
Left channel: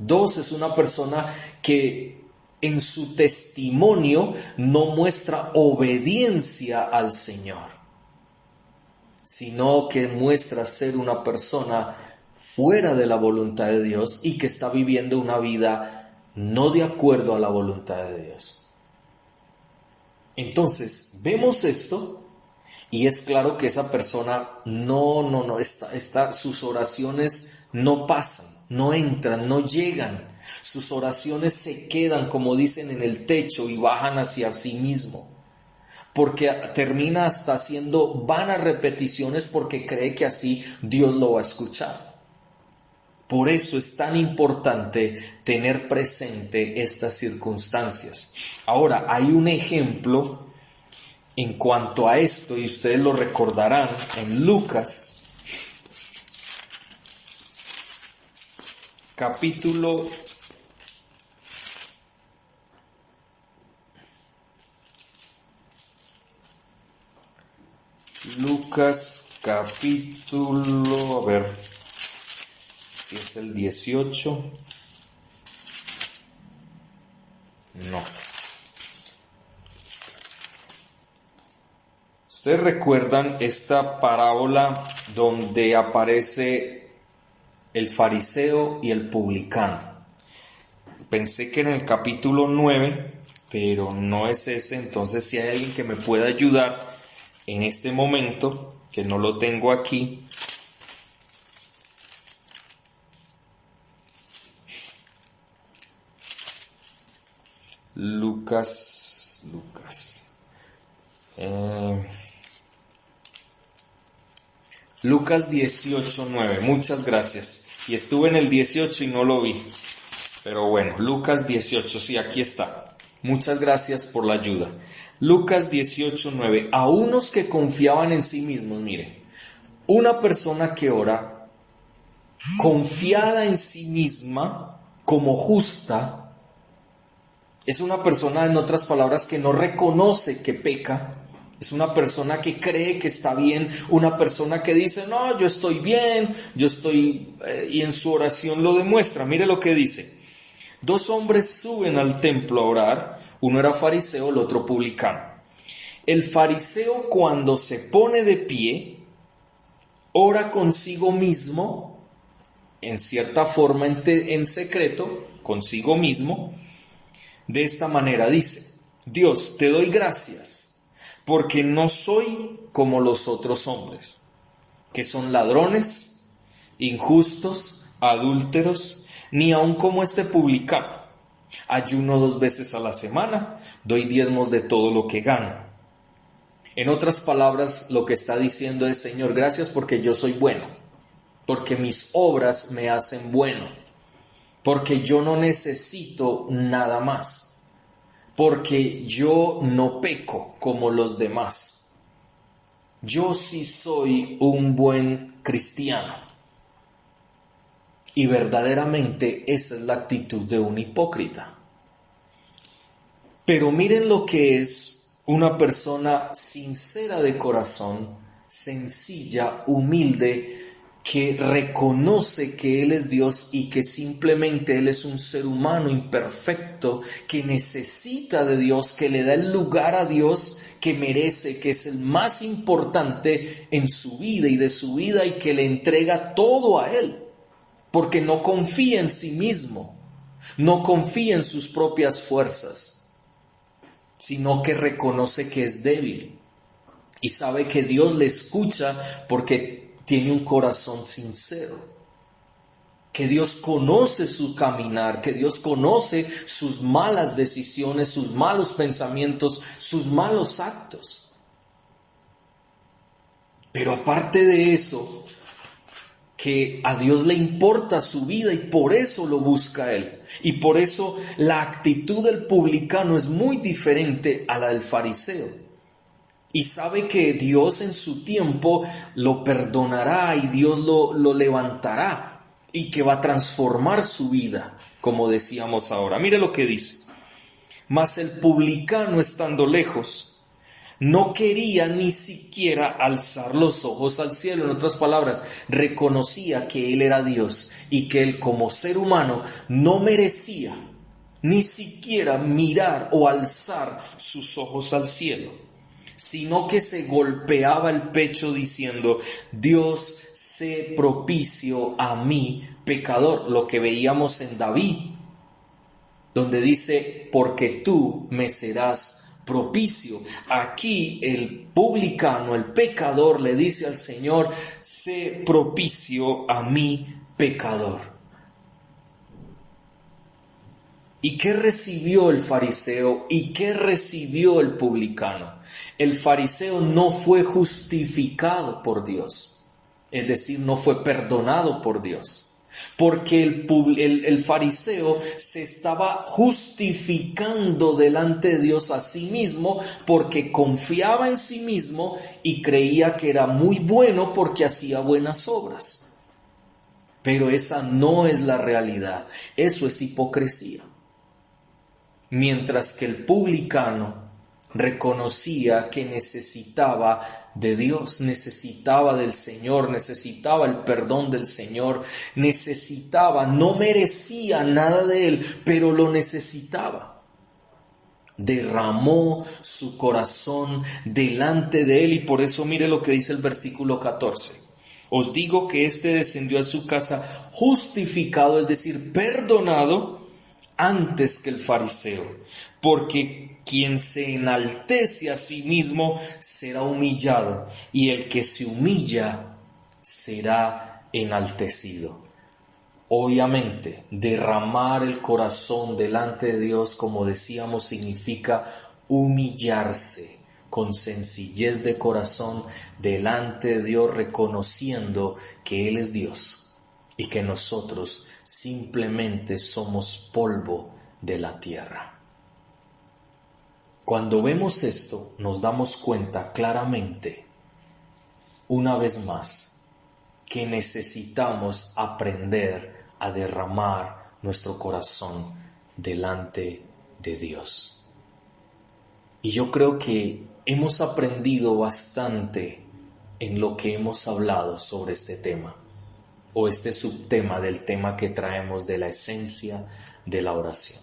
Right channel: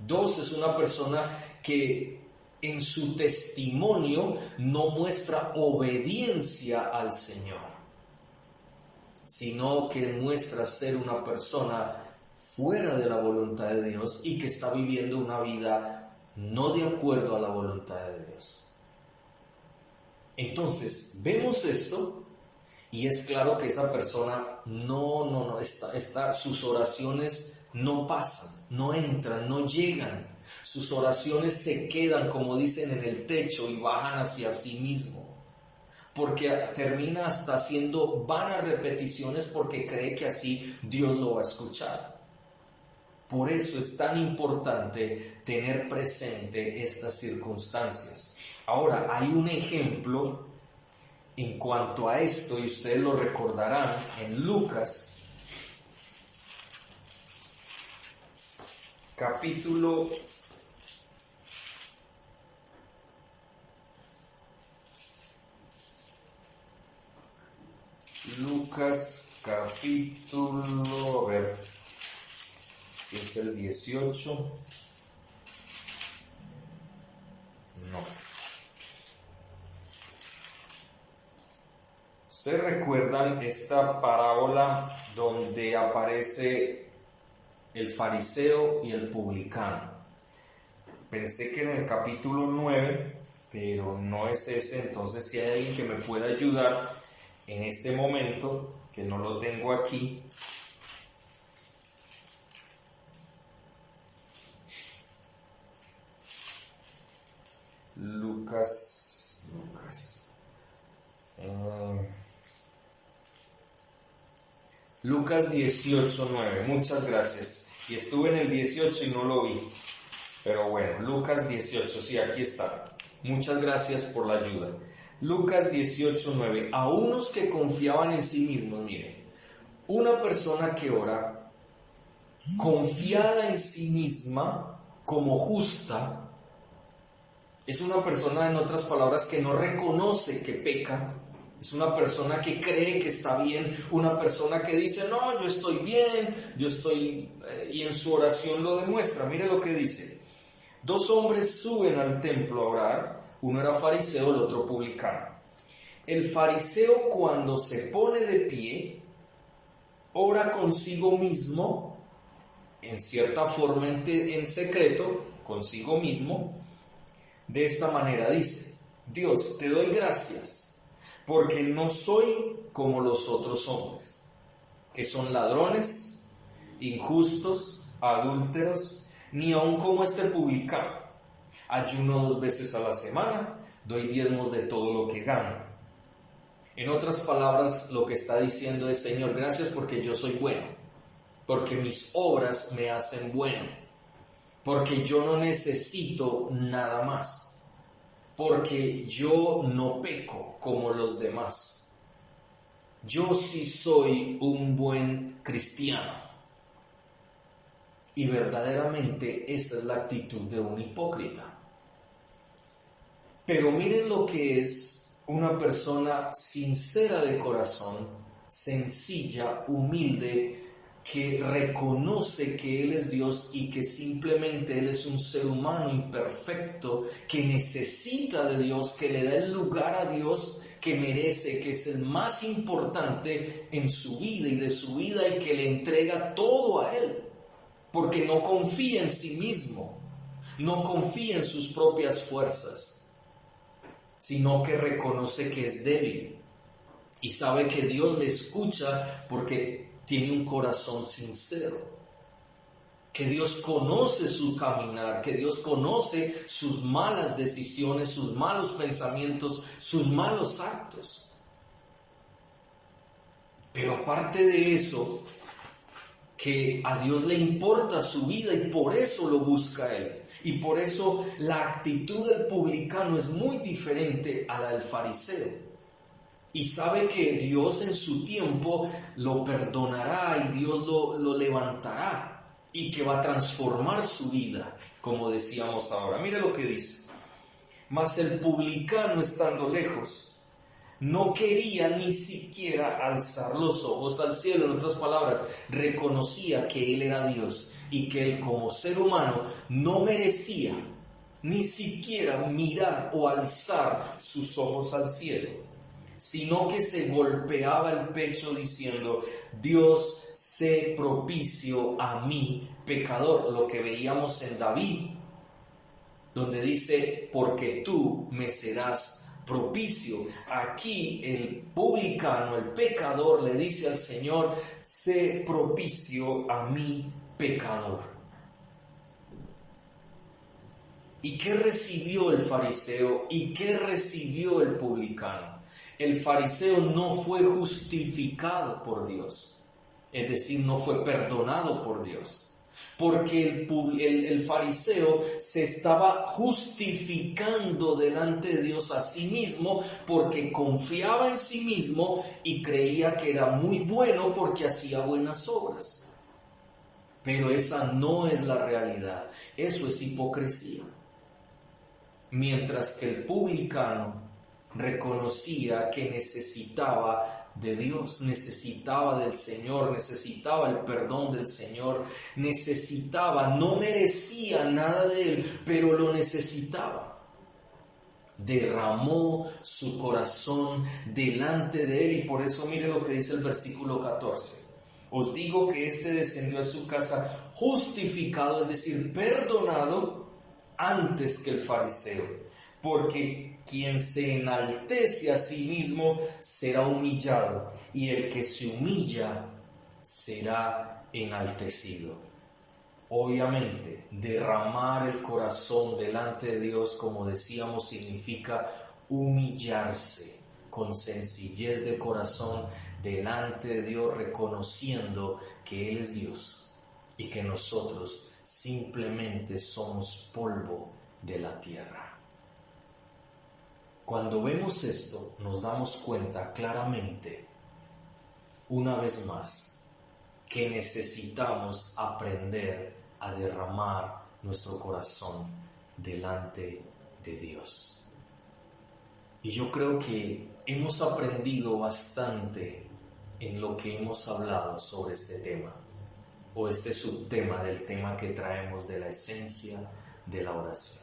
Dos, es una persona que en su testimonio no muestra obediencia al Señor, sino que muestra ser una persona fuera de la voluntad de Dios y que está viviendo una vida no de acuerdo a la voluntad de Dios. Entonces, vemos esto y es claro que esa persona sus oraciones no pasan, no entran, no llegan. Sus oraciones se quedan, como dicen, en el techo y bajan hacia sí mismo. Porque termina hasta haciendo vanas repeticiones porque cree que así Dios lo va a escuchar. Por eso es tan importante tener presente estas circunstancias. Ahora, hay un ejemplo en cuanto a esto, y ustedes lo recordarán en Lucas, capítulo 18. No. Ustedes recuerdan esta parábola donde aparece el fariseo y el publicano. Pensé que en el capítulo 9, pero no es ese. Entonces, si hay alguien que me pueda ayudar en este momento, que no lo tengo aquí. Lucas 18:9, muchas gracias. Y estuve en el 18 y no lo vi. Pero bueno, Lucas 18, sí, aquí está. Muchas gracias por la ayuda. Lucas 18:9, a unos que confiaban en sí mismos, miren, una persona que ora confiada en sí misma como justa, es una persona, en otras palabras, que no reconoce que peca. Es una persona que cree que está bien, una persona que dice, no, yo estoy bien, y en su oración lo demuestra. Mire lo que dice. 2 hombres suben al templo a orar, uno era fariseo, el otro publicano. El fariseo, cuando se pone de pie, ora consigo mismo, en cierta forma en secreto, consigo mismo. De esta manera dice, Dios, te doy gracias, porque no soy como los otros hombres, que son ladrones, injustos, adúlteros, ni aun como este publicano. Ayuno 2 veces a la semana, doy diezmos de todo lo que gano. En otras palabras, lo que está diciendo es, Señor, gracias porque yo soy bueno, porque mis obras me hacen bueno, porque yo no necesito nada más. porque yo no peco como los demás. Yo sí soy un buen cristiano. Y verdaderamente esa es la actitud de un hipócrita. Pero miren lo que es una persona sincera de corazón, sencilla, humilde, que reconoce que Él es Dios y que simplemente Él es un ser humano imperfecto, que necesita de Dios, que le da el lugar a Dios que merece, que es el más importante en su vida y de su vida, y que le entrega todo a Él, porque no confía en sí mismo, no confía en sus propias fuerzas, sino que reconoce que es débil y sabe que Dios le escucha porque tiene un corazón sincero, que Dios conoce su caminar, que Dios conoce sus malas decisiones, sus malos pensamientos, sus malos actos. Pero aparte de eso, que a Dios le importa su vida y por eso lo busca Él. Y por eso la actitud del publicano es muy diferente a la del fariseo. Y sabe que Dios en su tiempo lo perdonará y Dios lo levantará y que va a transformar su vida, como decíamos ahora. Mire lo que dice. Mas el publicano, estando lejos, no quería ni siquiera alzar los ojos al cielo. En otras palabras, reconocía que Él era Dios y que Él como ser humano no merecía ni siquiera mirar o alzar sus ojos al cielo, sino que se golpeaba el pecho diciendo: Dios, sé propicio a mí, pecador. Lo que veíamos en David, donde dice: porque tú me serás propicio. Aquí el publicano, el pecador, le dice al Señor: sé propicio a mí, pecador. ¿Y qué recibió el fariseo y qué recibió el publicano? El fariseo no fue justificado por Dios, es decir, no fue perdonado por Dios, porque el fariseo se estaba justificando delante de Dios a sí mismo, porque confiaba en sí mismo y creía que era muy bueno porque hacía buenas obras. Pero esa no es la realidad, eso es hipocresía. Mientras que el publicano reconocía que necesitaba de Dios, necesitaba del Señor, necesitaba el perdón del Señor, no merecía nada de Él, pero lo necesitaba. Derramó su corazón delante de Él y por eso mire lo que dice el versículo 14. Os digo que éste descendió a su casa justificado, es decir, perdonado, antes que el fariseo, porque quien se enaltece a sí mismo será humillado, y el que se humilla será enaltecido. Obviamente, derramar el corazón delante de Dios, como decíamos, significa humillarse con sencillez de corazón delante de Dios, reconociendo que Él es Dios y que nosotros simplemente somos polvo de la tierra. Cuando vemos esto, nos damos cuenta claramente, una vez más, que necesitamos aprender a derramar nuestro corazón delante de Dios. Y yo creo que hemos aprendido bastante en lo que hemos hablado sobre este tema, o este subtema del tema que traemos de la esencia de la oración.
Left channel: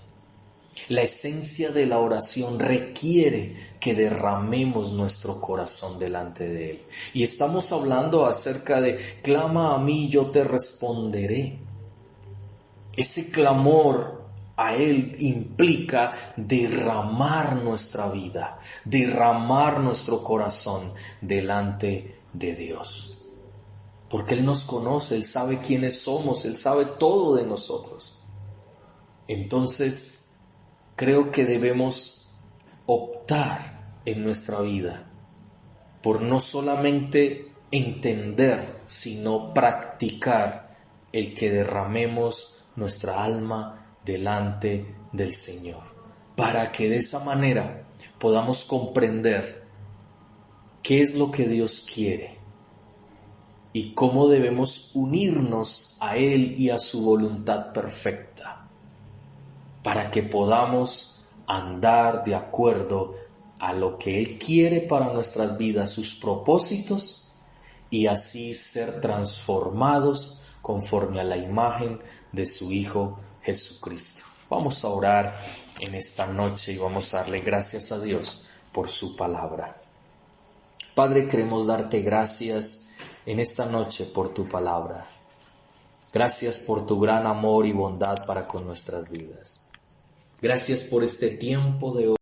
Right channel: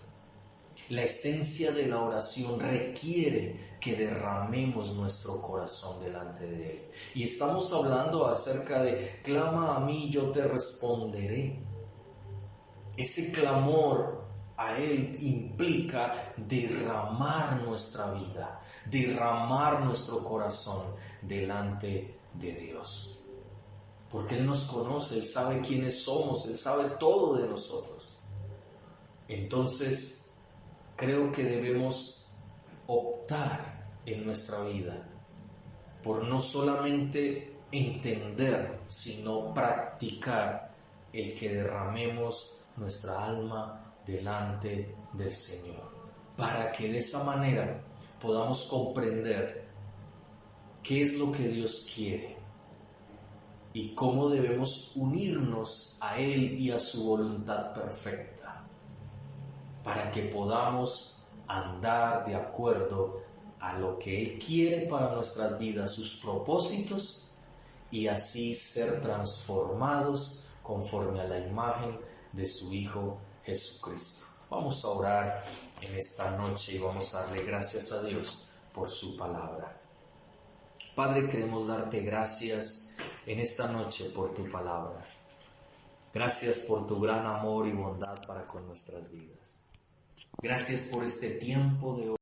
La esencia de la oración requiere que derramemos nuestro corazón delante de Él. Y estamos hablando acerca de clama a mí, yo te responderé. Ese clamor a Él implica derramar nuestra vida, derramar nuestro corazón delante de Dios. Porque Él nos conoce, Él sabe quiénes somos, Él sabe todo de nosotros. Entonces, creo que debemos optar en nuestra vida por no solamente entender, sino practicar el que derramemos nuestra alma delante del Señor. para que de esa manera podamos comprender qué es lo que Dios quiere y cómo debemos unirnos a Él y a su voluntad perfecta, para que podamos andar de acuerdo a lo que Él quiere para nuestras vidas, sus propósitos, y así ser transformados conforme a la imagen de su Hijo Jesucristo. Vamos a orar en esta noche y vamos a darle gracias a Dios por su palabra. Padre, queremos darte gracias en esta noche por tu palabra. Gracias por tu gran amor y bondad para con nuestras vidas. Gracias por este tiempo de